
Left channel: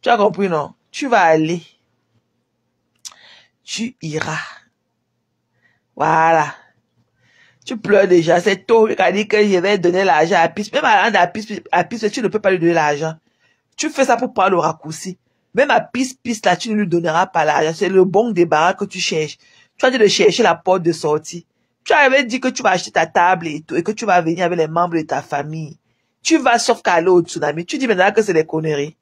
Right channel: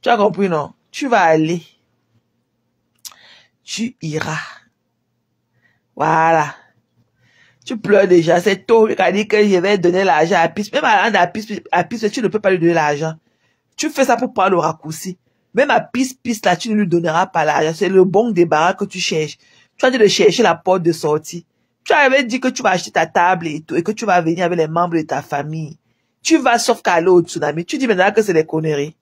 Tu as compris, non? Tu vas aller. Tu iras. Voilà. Tu pleures déjà. C'est tôt. Il a dit que je vais donner l'argent à Piste. Même à Piste, tu ne peux pas lui donner l'argent. Tu fais ça pour prendre le raccourci. Même à Piste, là, tu ne lui donneras pas l'argent. C'est le bon débarras que tu cherches. Tu as dit de chercher la porte de sortie. Tu avais dit que tu vas acheter ta table et tout, et que tu vas venir avec les membres de ta famille. Tu vas sauf qu'à aller au tsunami. Tu dis maintenant que c'est des conneries.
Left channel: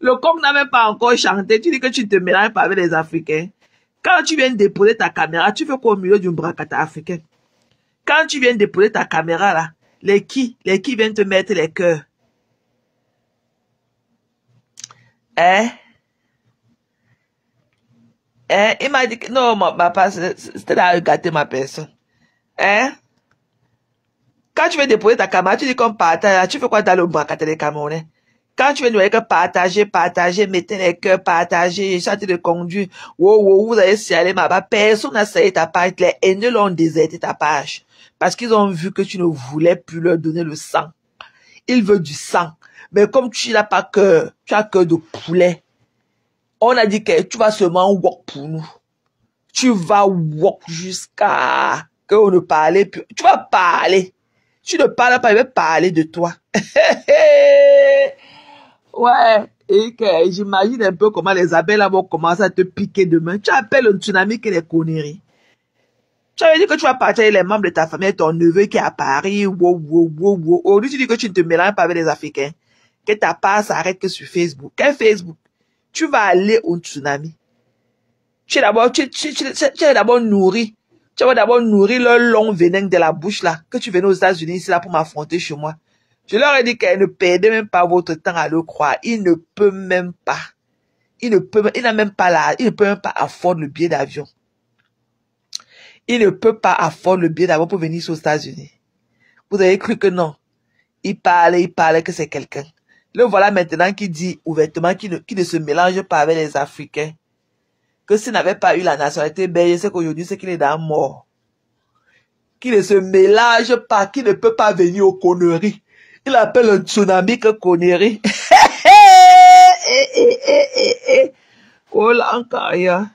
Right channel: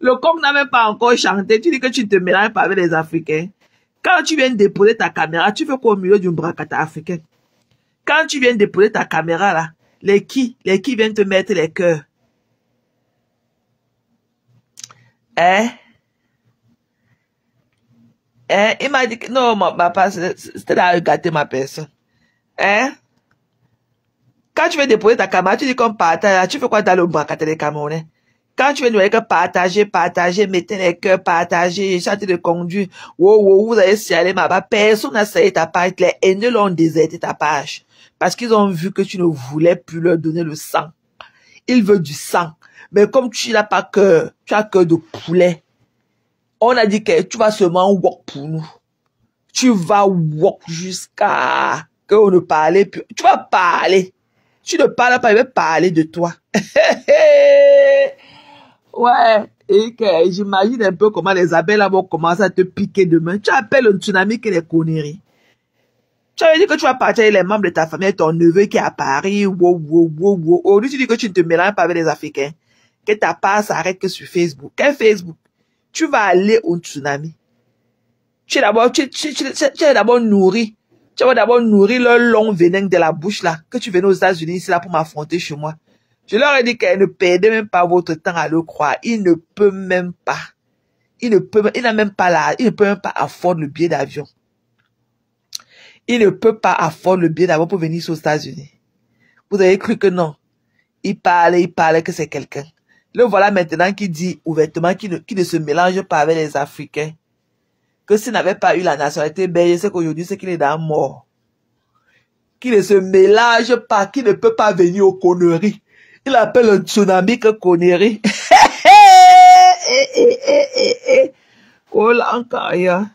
Le coq n'a même pas encore chanté. Tu dis que tu ne te mélanges pas avec les Africains. Quand tu viens déposer ta caméra, tu fais quoi au milieu d'une bracata africaine? Quand tu viens déposer ta caméra, là, les qui viennent te mettre les cœurs? Il m'a dit que non, papa, c'était là à gâter ma personne. Quand tu viens déposer ta caméra, tu dis qu'on partage, tu fais quoi dans le bracata des Camerounais? Quand tu viens de partager, mettez les cœurs, partager, chanter de conduire, wow, vous allez s'y aller, ma personne n'a salué ta page, les haineux l'ont déserté ta page. Parce qu'ils ont vu que tu ne voulais plus leur donner le sang. Ils veulent du sang. Mais comme tu n'as pas cœur, tu as cœur de poulet. On a dit que tu vas seulement walk pour nous. Tu vas walk jusqu'à qu'on ne parle plus. Tu vas parler. Tu ne parles pas, il va parler de toi. Ouais, et que j'imagine un peu comment les abeilles là vont commencer à te piquer demain. Tu appelles un tsunami qui est des conneries. Tu avais dit que tu vas partir avec les membres de ta famille, ton neveu qui est à Paris, wow. Aujourd'hui, tu dis que tu ne te mélanges pas avec les Africains. Que ta part s'arrête que sur Facebook. Quel Facebook? Tu vas aller au tsunami. Tu es d'abord nourri. Tu vas d'abord nourrir leur long venin de la bouche là, que tu venais aux États-Unis ici là pour m'affronter chez moi. Je leur ai dit qu'elle ne perdait même pas votre temps à le croire. Il ne peut même pas. Il n'a même pas là. Il ne peut même pas affordre le billet d'avion. Il ne peut pas affordre le billet d'avion pour venir aux États-Unis. Vous avez cru que non. Il parlait que c'est quelqu'un. Le voilà maintenant qui dit ouvertement qu'il ne se mélange pas avec les Africains. Que s'il n'avait pas eu la nationalité belge, c'est qu'aujourd'hui, c'est qu'il est dans mort. Qu'il ne se mélange pas, qu'il ne peut pas venir aux conneries. Il appelle un tsunami que connerie. Oh là encore, ya.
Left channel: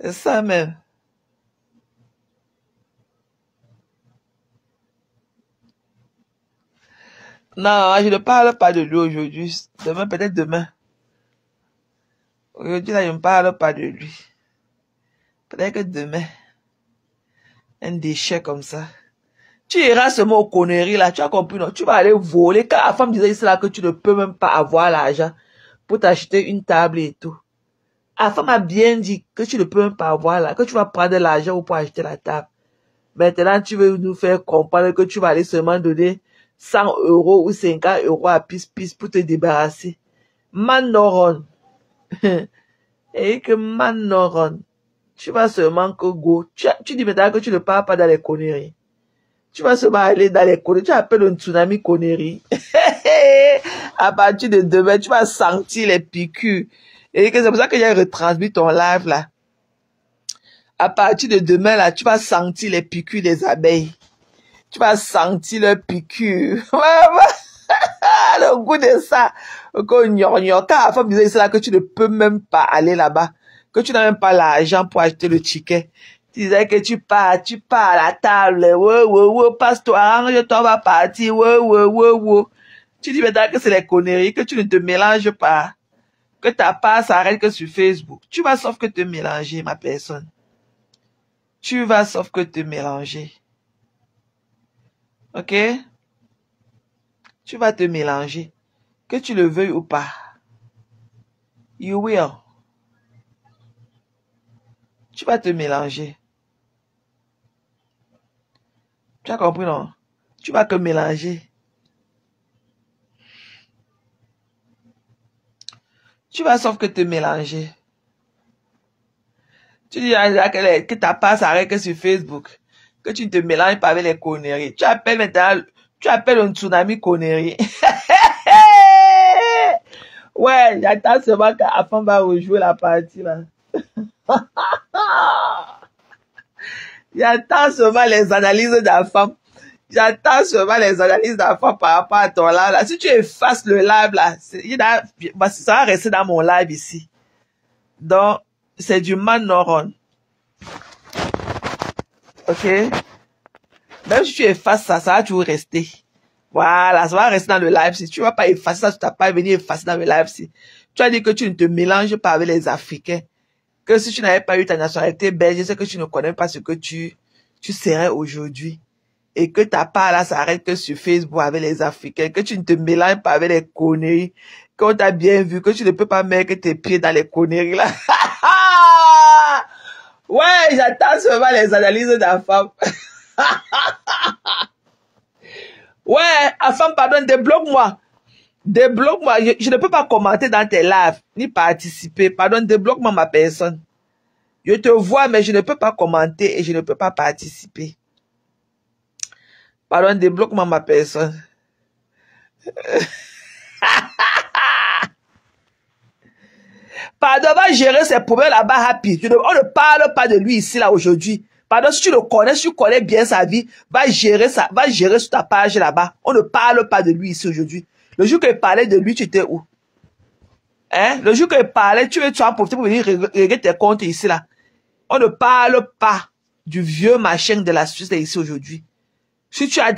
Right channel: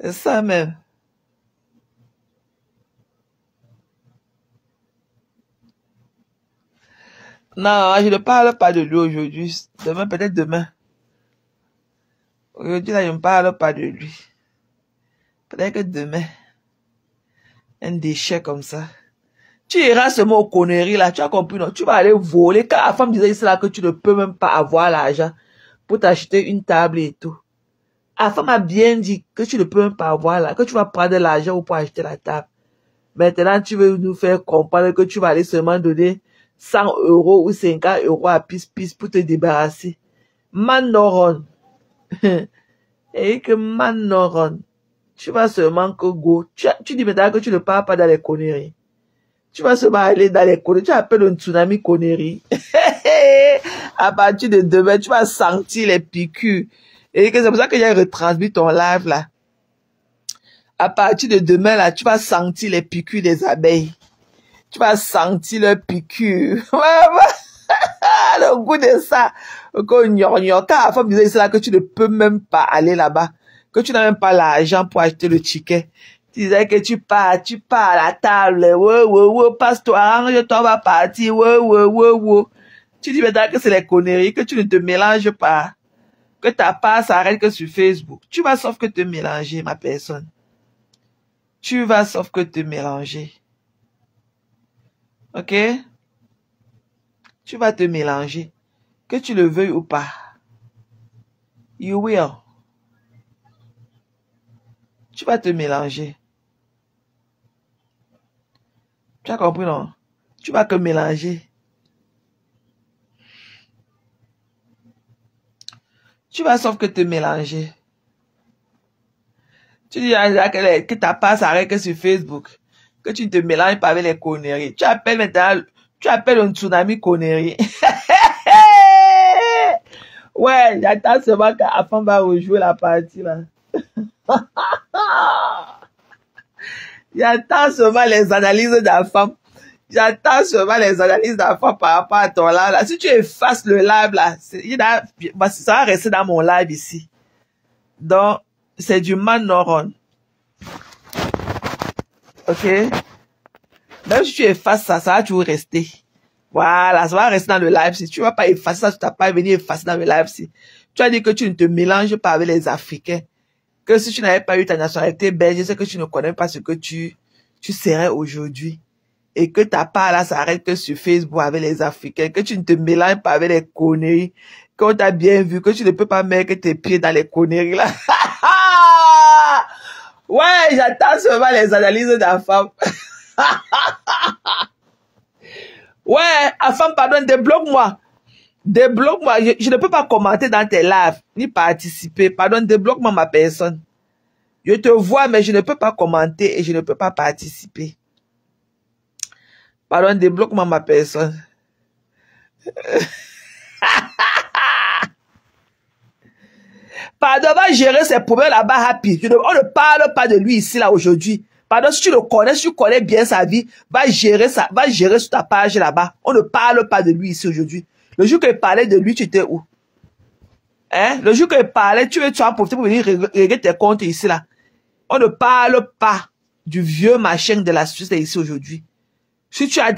C'est ça même. Non, je ne parle pas de lui aujourd'hui. Demain, peut-être demain. Aujourd'hui, là, je ne parle pas de lui. Peut-être que demain, un déchet comme ça. Tu iras seulement aux conneries, là. Tu as compris, non? Tu vas aller voler. Quand la femme disait cela, que tu ne peux même pas avoir l'argent pour t'acheter une table et tout. La femme a bien dit que tu ne peux même pas avoir là, que tu vas prendre de l'argent pour acheter la table. Maintenant, tu veux nous faire comprendre que tu vas aller seulement donner 100 € ou 50 € à pis pour te débarrasser. Manoron. Et que Manoron. Tu vas seulement que go. Tu dis maintenant que tu ne pars pas dans les conneries. Tu vas seulement aller dans les conneries. Tu appelles un tsunami conneries. À partir de demain, tu vas sentir les piqûres. Et c'est pour ça que j'ai retransmis ton live là. À partir de demain là, tu vas sentir les piqûres des abeilles. Tu vas sentir les piqûres. Le goût de ça. Quand la femme disait ça, que tu ne peux même pas aller là-bas. Que tu n'as même pas l'argent pour acheter le ticket. Tu disais que tu pars à la table. Passe-toi, arrange-toi, on va partir. Tu dis maintenant que c'est les conneries, que tu ne te mélanges pas. Que ta part s'arrête que sur Facebook. Tu vas sauf que te mélanger, ma personne. Tu vas sauf que te mélanger. Ok? Tu vas te mélanger. Que tu le veuilles ou pas. You will. Tu vas te mélanger. Tu as compris, non? Tu vas te mélanger. Tu vas sauf que te mélanger. Tu dis que ta part s'arrête que sur Facebook. Que tu te mélanges pas avec les conneries. Tu appelles maintenant, tu appelles un tsunami conneries. Ouais, j'attends seulement qu'Afam va rejouer la partie là. J'attends seulement les analyses d'Afam. J'attends seulement les analyses d'Afam par rapport à ton live là. Si tu effaces le live là, ça va rester dans mon live ici. Donc, c'est du Manoron. Ok? Même si tu effaces ça, ça va toujours rester. Voilà, ça va rester dans le live. Si tu ne vas pas effacer ça, tu n'as pas venir effacer dans le live. Si tu as dit que tu ne te mélanges pas avec les Africains, que si tu n'avais pas eu ta nationalité belge, c'est que tu ne connais pas ce que tu serais aujourd'hui. Et que ta part là s'arrête que sur Facebook avec les Africains, que tu ne te mélanges pas avec les conneries, qu'on t'a bien vu, que tu ne peux pas mettre tes pieds dans les conneries là. Ouais, j'attends seulement les analyses d'Afam. Ouais, Afam, pardon, débloque-moi. Débloque-moi. Je ne peux pas commenter dans tes lives, ni participer. Pardon, débloque-moi ma personne. Je te vois, mais je ne peux pas commenter et je ne peux pas participer. Pardon, débloque-moi ma personne. Pardon, va gérer ses problèmes là-bas, Happy. On ne parle pas de lui ici, là, aujourd'hui. Pardon, si tu le connais, si tu connais bien sa vie, va gérer sur ta page là-bas. On ne parle pas de lui ici aujourd'hui. Le jour qu'il parlait de lui, tu étais où? Hein? Le jour qu'il parlait, tu as profité pour venir régler tes comptes ici, là. On ne parle pas du vieux machin de la Suisse ici aujourd'hui. Si tu as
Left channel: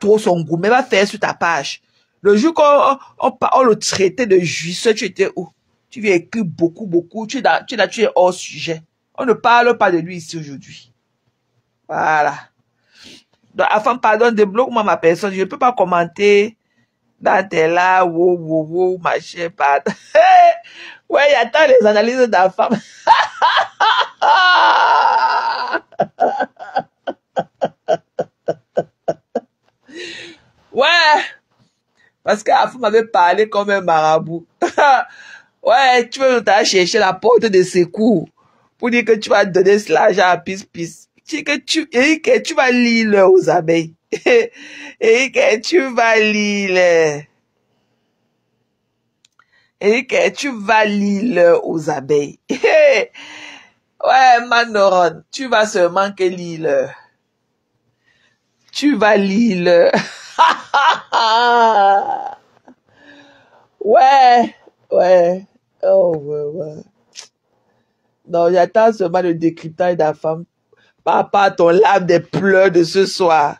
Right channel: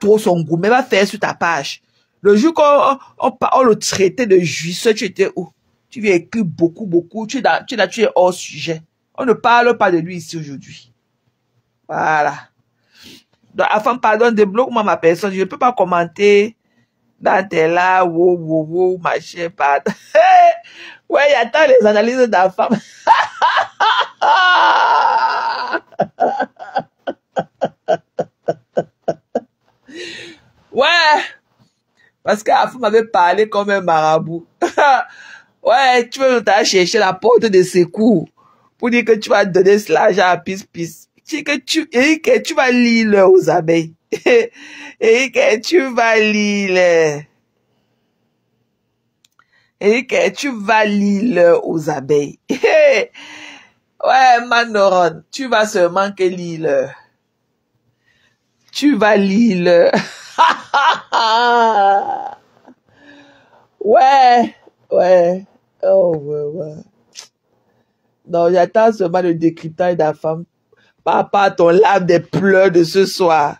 trop son goût, même va faire sur ta page. Le jour qu'on le traitait de jouisseur, tu étais où? Tu viens écrire beaucoup. Tu es hors sujet. On ne parle pas de lui ici aujourd'hui. Voilà. Donc, Afam, pardon, débloque-moi ma personne. Je ne peux pas commenter dans tes là, wow, machin, pardon. Ouais, j'attends les analyses d'Afam. Ouais. Parce qu'Afam m'avait parlé comme un marabout. Ouais, tu veux t'aller chercher la porte de secours pour dire que tu vas donner l'argent à pis. Que tu vas lire aux abeilles. Et que tu vas lire. Et que tu vas lire aux abeilles. Ouais, Manoron, tu vas seulement que lire. Tu vas lire. Ouais. Oh, ouais. Non, j'attends seulement le décryptage d'Afam. Papa, ton lave des pleurs de ce soir.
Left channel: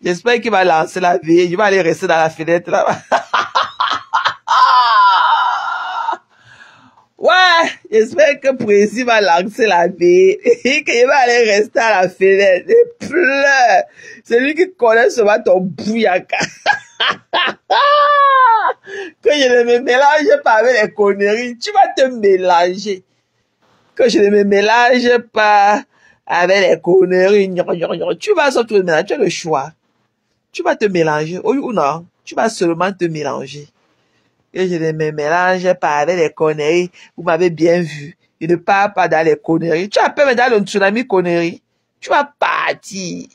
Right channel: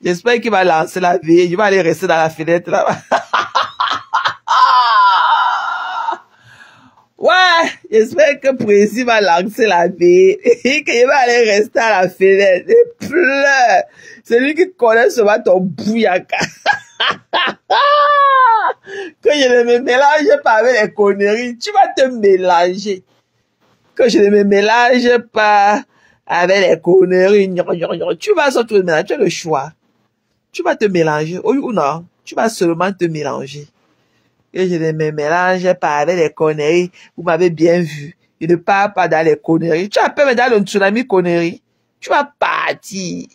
J'espère qu'il va lancer la vie. Je vais aller rester dans la fenêtre là. Ouais. J'espère que Président va lancer la veille et qu'il va aller rester à la fenêtre. Il pleure. C'est lui qui connaît seulement ton bouyaka. Que je ne me mélange pas avec les conneries. Tu vas te mélanger. Que je ne me mélange pas avec les conneries. Tu vas se mélanger. Tu as le choix. Tu vas te mélanger. Oui ou non? Tu vas seulement te mélanger. Et je ne me mélange pas avec les conneries. Vous m'avez bien vu. Je ne pars pas dans les conneries. Tu as peur dans le tsunami conneries. Tu vas partir.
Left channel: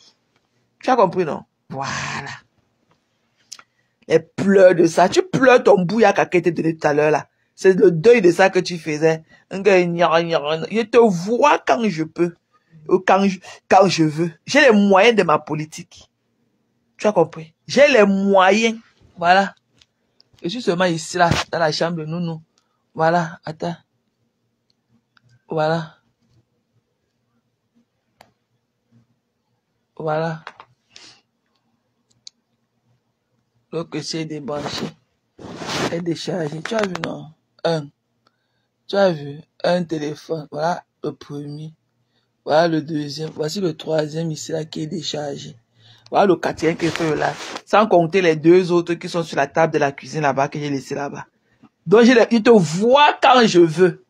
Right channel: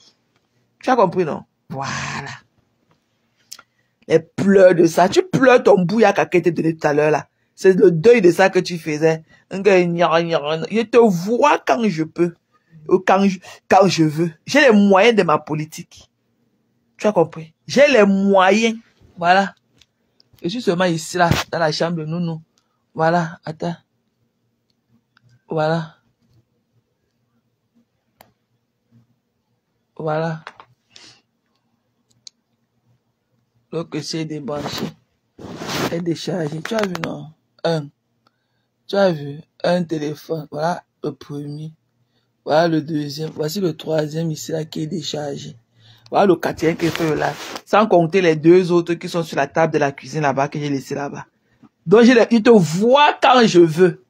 Tu as compris, non? Voilà. Les pleurs de ça. Tu pleures ton bouyaka qui était donné tout à l'heure, là. C'est le deuil de ça que tu faisais. Je te vois quand je peux. Quand je veux. J'ai les moyens de ma politique. Tu as compris? J'ai les moyens. Voilà. Je suis seulement ici, là, dans la chambre de Nounou. Voilà, attends. Voilà. Voilà. Le PC est débranché. Et déchargé. Tu as vu, non? Tu as vu? Un téléphone. Voilà le premier. Voilà le deuxième. Voici le troisième ici, là, qui est déchargé. Voilà le quatrième qui est fait là. Sans compter les deux autres qui sont sur la table de la cuisine là-bas, que j'ai laissé là-bas. Donc, il te voit quand je veux.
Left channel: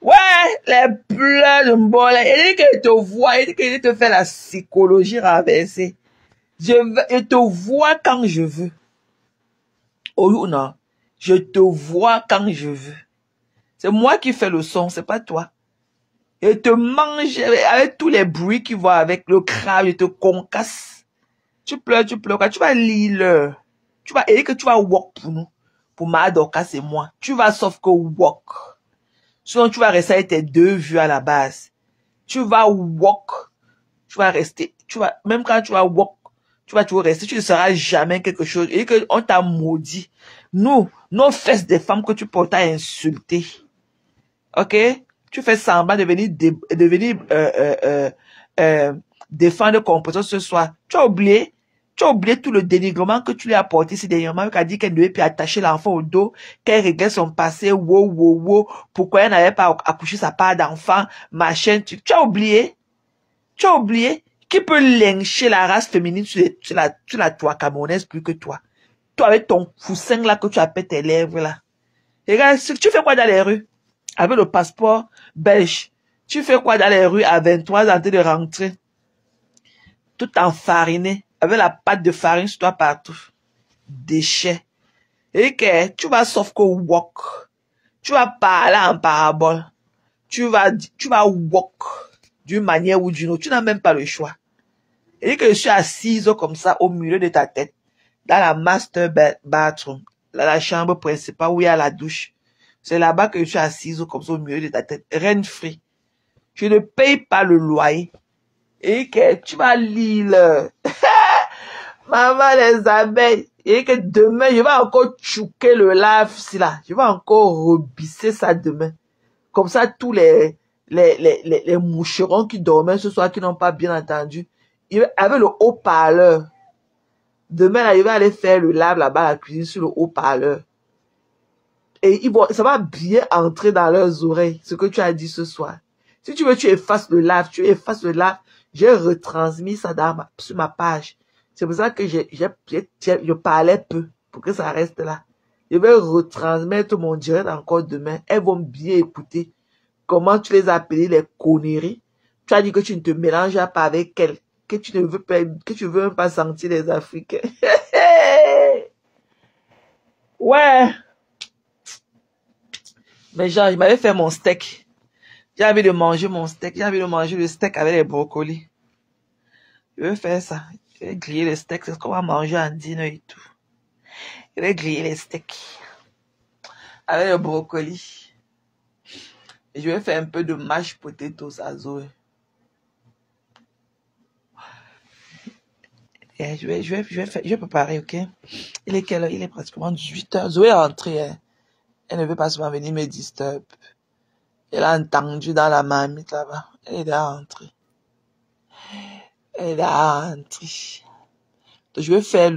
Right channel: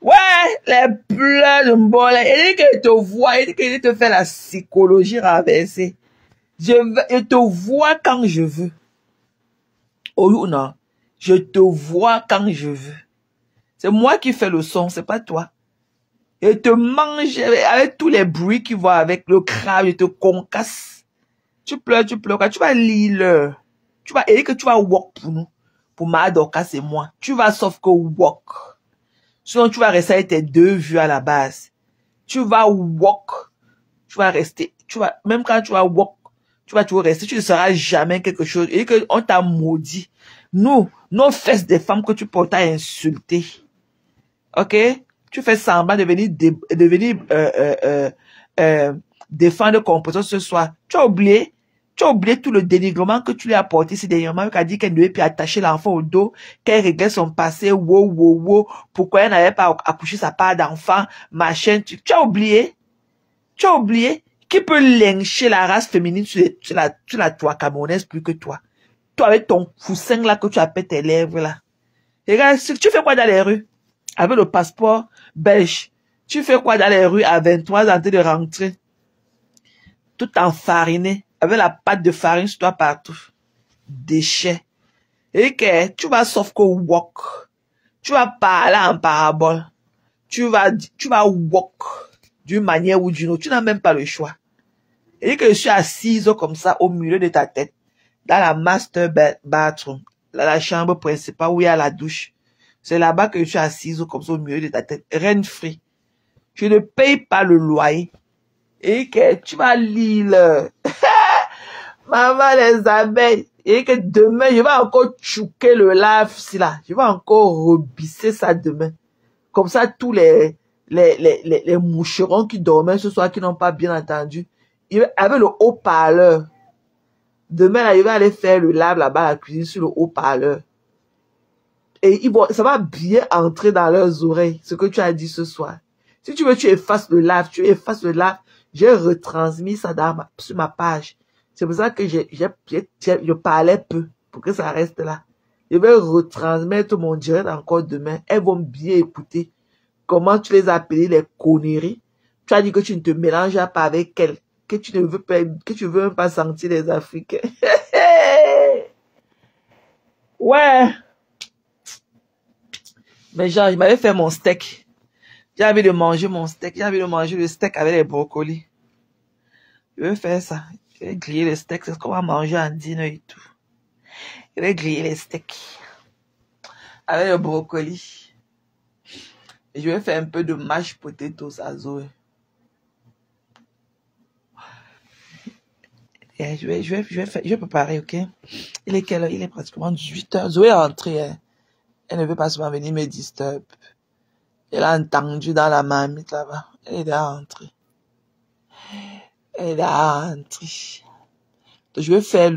Ouais, les pleurs de mbole. Il dit qu'il te voit, il dit qu'il te fait la psychologie renversée. Je te vois quand je veux. Oh non, je te vois quand je veux. C'est moi qui fais le son, c'est pas toi. Et te mange avec tous les bruits qui vont avec le crâne, je te concasse. Tu pleures, quand tu vas lire tu vas, et que tu vas walk pour nous. Pour Madoka, c'est moi. Tu vas sauf que walk. Sinon, tu vas rester avec tes deux vues à la base. Tu vas walk. Tu vas rester, même quand tu vas walk, tu vas toujours rester. Tu ne seras jamais quelque chose. Et que on t'a maudit. Nous, nos fesses des femmes que tu portes à insulter. Ok? Tu fais semblant de venir, défendre composition ce soir. Tu as oublié tout le dénigrement que tu lui as apporté ici dernièrement, qui a dit qu'elle devait plus attacher l'enfant au dos, qu'elle réglait son passé, pourquoi elle n'avait pas accouché sa part d'enfant, machin. Tu as oublié? Tu as oublié? Qui peut lyncher la race féminine sur la toile camerounaise plus que toi? Toi avec ton foussin là que tu appelles tes lèvres là. Regarde, tu fais quoi dans les rues? Avec le passeport belge. Tu fais quoi dans les rues à 23 ans en train de rentrer? Tout enfariné. Avec la pâte de farine sur toi partout. Déchets. Et que tu vas sauf que walk. Tu vas parler en parabole. Tu vas walk d'une manière ou d'une autre. Tu n'as même pas le choix. Et que je suis assise comme ça au milieu de ta tête. Dans la master bathroom. Dans la chambre principale où il y a la douche. C'est là-bas que je suis assise comme ça au milieu de ta tête. Rent free. Je ne paye pas le loyer. Et que tu vas lire. Maman les abeilles. Et que demain, je vais encore chouquer le lave si là. Je vais encore rebisser ça demain. Comme ça, tous les moucherons qui dormaient ce soir, qui n'ont pas bien entendu, avec le haut-parleur. Demain, là, il va aller faire le lave là-bas à la cuisine sur le haut-parleur. Et ça va bien entrer dans leurs oreilles, ce que tu as dit ce soir. Si tu veux, tu effaces le lave, J'ai retransmis ça sur ma page. C'est pour ça que je parlais peu, pour que ça reste là. Je vais retransmettre mon direct encore demain. Elles vont bien écouter comment tu les as appelées les conneries. Tu as dit que tu ne te mélanges pas avec elles, que tu ne veux pas, que tu veux même pas sentir les Africains. Ouais. Mais genre, il m'avait fait mon steak. J'ai envie de manger mon steak. J'ai envie de manger le steak avec les brocolis. Je vais faire ça. Je vais griller les steaks. C'est ce qu'on va manger en dîner et tout. Je vais griller les steaks avec le brocoli. Et je vais faire un peu de mashed potatoes à Zoé. Et je vais préparer, ok? Il est quelle heure? Il est pratiquement 18h. Zoé est entrée. Hein. Elle ne veut pas souvent venir me disturber. Elle a entendu dans la marmite là-bas. Elle est entrée. Donc, je vais faire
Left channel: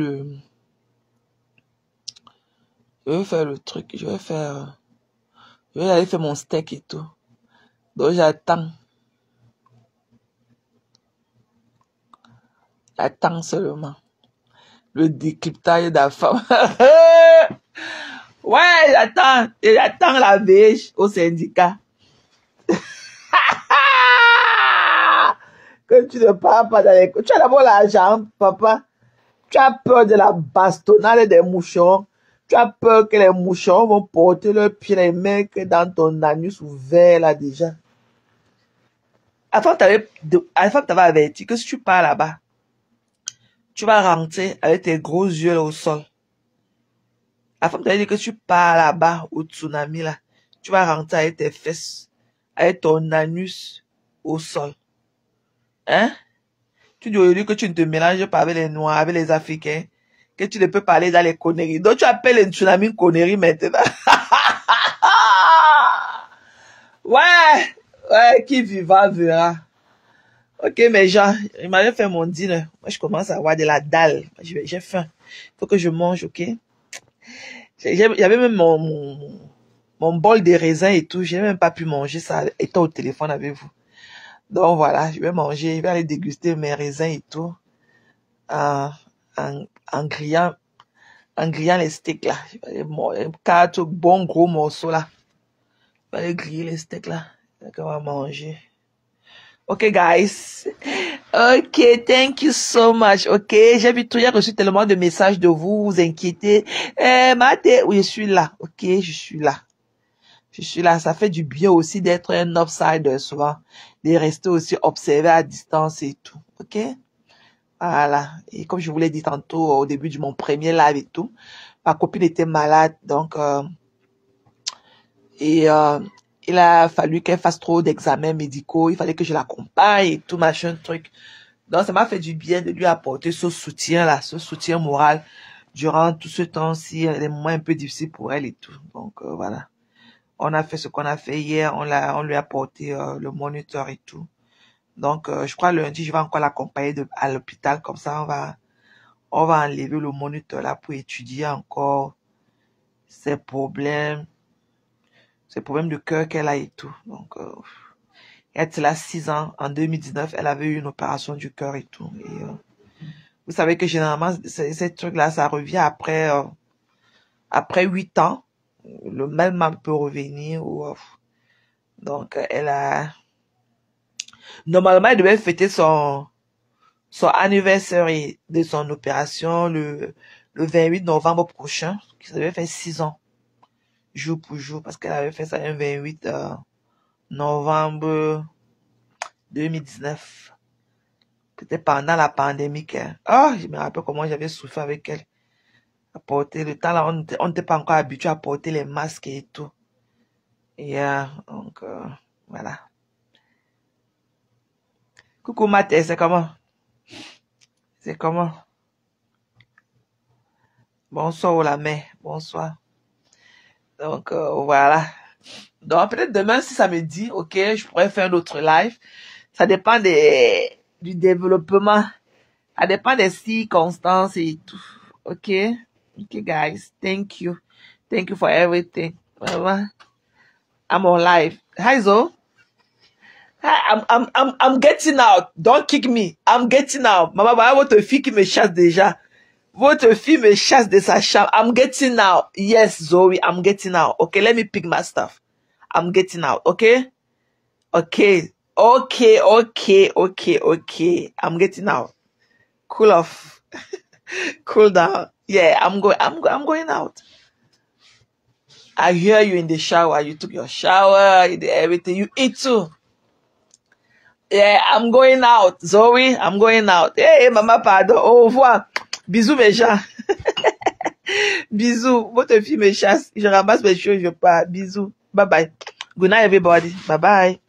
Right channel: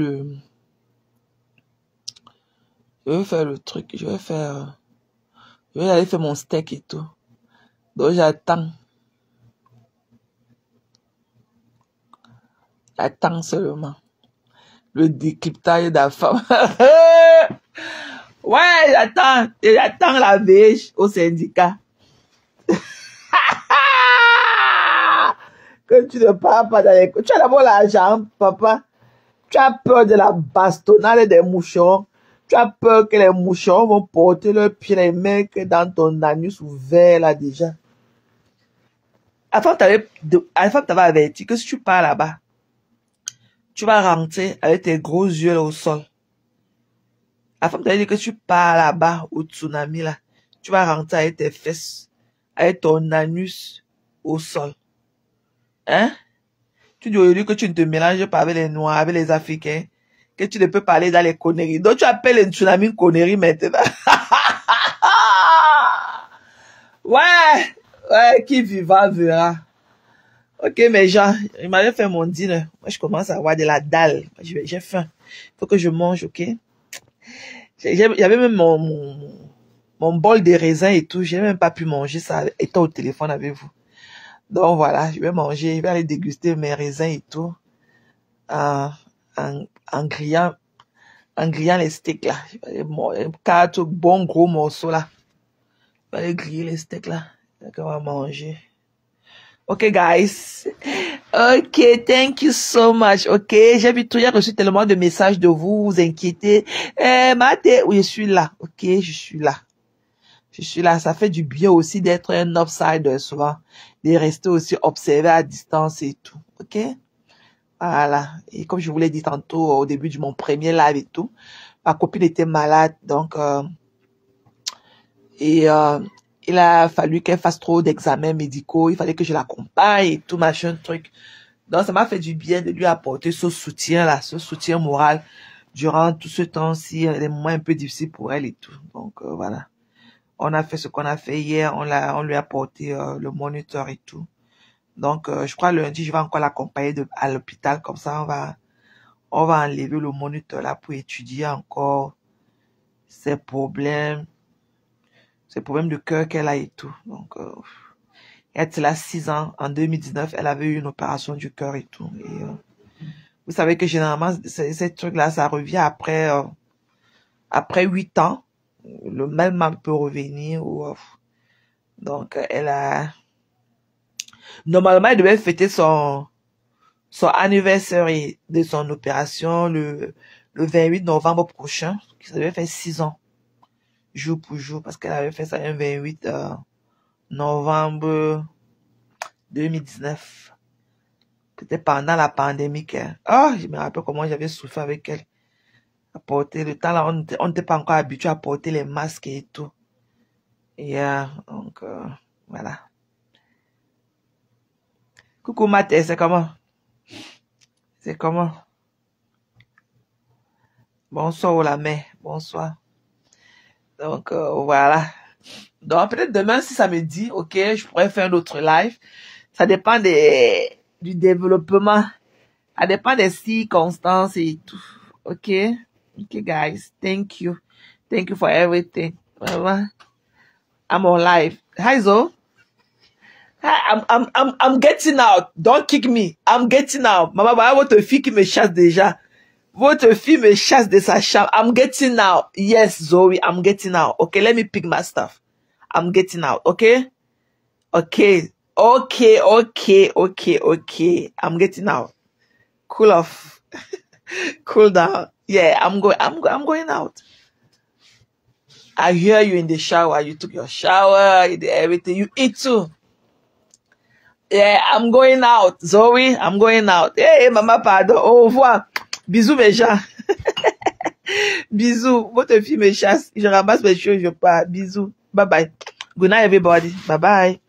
Je vais faire le truc, je vais aller faire mon steak et tout. Donc j'attends. J'attends seulement. Le décryptage de la femme. Ouais, j'attends la beige au syndicat. Que tu ne parles pas dans les... Tu as d'abord l'argent, papa. Tu as peur de la bastonnade des mouchons. Tu as peur que les mouchons vont porter leurs pieds, les mecs, dans ton anus ouvert, là, déjà. Avant, t'avais averti que si tu pars là-bas, tu vas rentrer avec tes gros yeux au sol. Avant, t'avais dit que si tu pars là-bas, au tsunami, là, tu vas rentrer avec tes fesses, avec ton anus au sol. Hein? Tu dis aujourd'hui que tu ne te mélanges pas avec les Noirs, avec les Africains, que tu ne peux parler dans les conneries. Donc tu appelles les tsunamis une connerie maintenant. Ouais, qui vivra verra. Ok, mes gens, il m'avait fait mon dîner. Moi, je commence à avoir de la dalle. J'ai faim. Il faut que je mange, ok? J'avais même mon bol de raisin et tout. J'ai même pas pu manger ça étant au téléphone avec vous. Donc voilà, je vais manger, je vais aller déguster mes raisins et tout. En grillant les steaks là. 4 bons gros morceaux là. Je vais aller griller les steaks là. Donc on va manger. Ok, guys. Ok, thank you so much. Ok, j'ai vu tout, j'ai reçu tellement de messages de vous, vous inquiétez. Maté, oui, je suis là. Ok, je suis là. Je suis là. Ça fait du bien aussi d'être un outsider souvent. De rester aussi observé à distance et tout. Ok? Voilà. Et comme je vous l'ai dit tantôt au début de mon premier live et tout, ma copine était malade. Donc, il a fallu qu'elle fasse trop d'examens médicaux. Il fallait que je l'accompagne et tout, machin, truc. Donc, ça m'a fait du bien de lui apporter ce soutien-là, ce soutien moral durant tout ce temps-ci, des moments un peu difficiles pour elle et tout. Donc, voilà. On a fait ce qu'on a fait hier. On lui a apporté le moniteur et tout. Donc, je crois lundi, je vais encore l'accompagner à l'hôpital. Comme ça, on va enlever le moniteur là pour étudier encore ses problèmes de cœur qu'elle a et tout. Donc, elle a 6 ans. En 2019, elle avait eu une opération du cœur et tout. Et, vous savez que généralement, ces trucs-là, ça revient après 8 ans. Le même mal peut revenir. Donc, normalement, elle devait fêter son anniversaire de son opération le 28 novembre prochain. Ça devait faire 6 ans. Jour pour jour. Parce qu'elle avait fait ça le 28 novembre 2019. C'était pendant la pandémie. Je me rappelle comment j'avais souffert avec elle. À porter le temps là, on n'était pas encore habitué à porter les masques et tout. Et donc, voilà. Coucou Mathé, c'est comment? C'est comment? Bonsoir la mère, bonsoir. Donc, voilà. Donc, peut-être demain, si ça me dit, ok, je pourrais faire un autre live. Ça dépend du développement. Ça dépend des circonstances et tout. Ok? Ok, guys. Thank you. Thank you for everything. Vraiment. I'm on live. Hi, Zo. Hi, I'm getting out. Don't kick me. I'm getting out. Maman, voilà votre fille qui me chasse déjà. Votre fille me chasse de sa chambre. I'm getting out. Yes, Zoe, I'm getting out. Okay, let me pick my stuff. I'm getting out. Okay? Okay. Okay, okay, okay, okay. I'm getting out. Cool off. Cool down. Yeah, I'm going out. I hear you in the shower. You took your shower, you did everything. You eat too. Yeah, I'm going out. Zoe, I'm going out. Hey, maman, pardon. Au revoir. Bisous, mes gens. Bisous. Votre fille me chasse. Je ramasse mes choses, je pars. Bisous. Bye bye. Good night, everybody. Bye bye.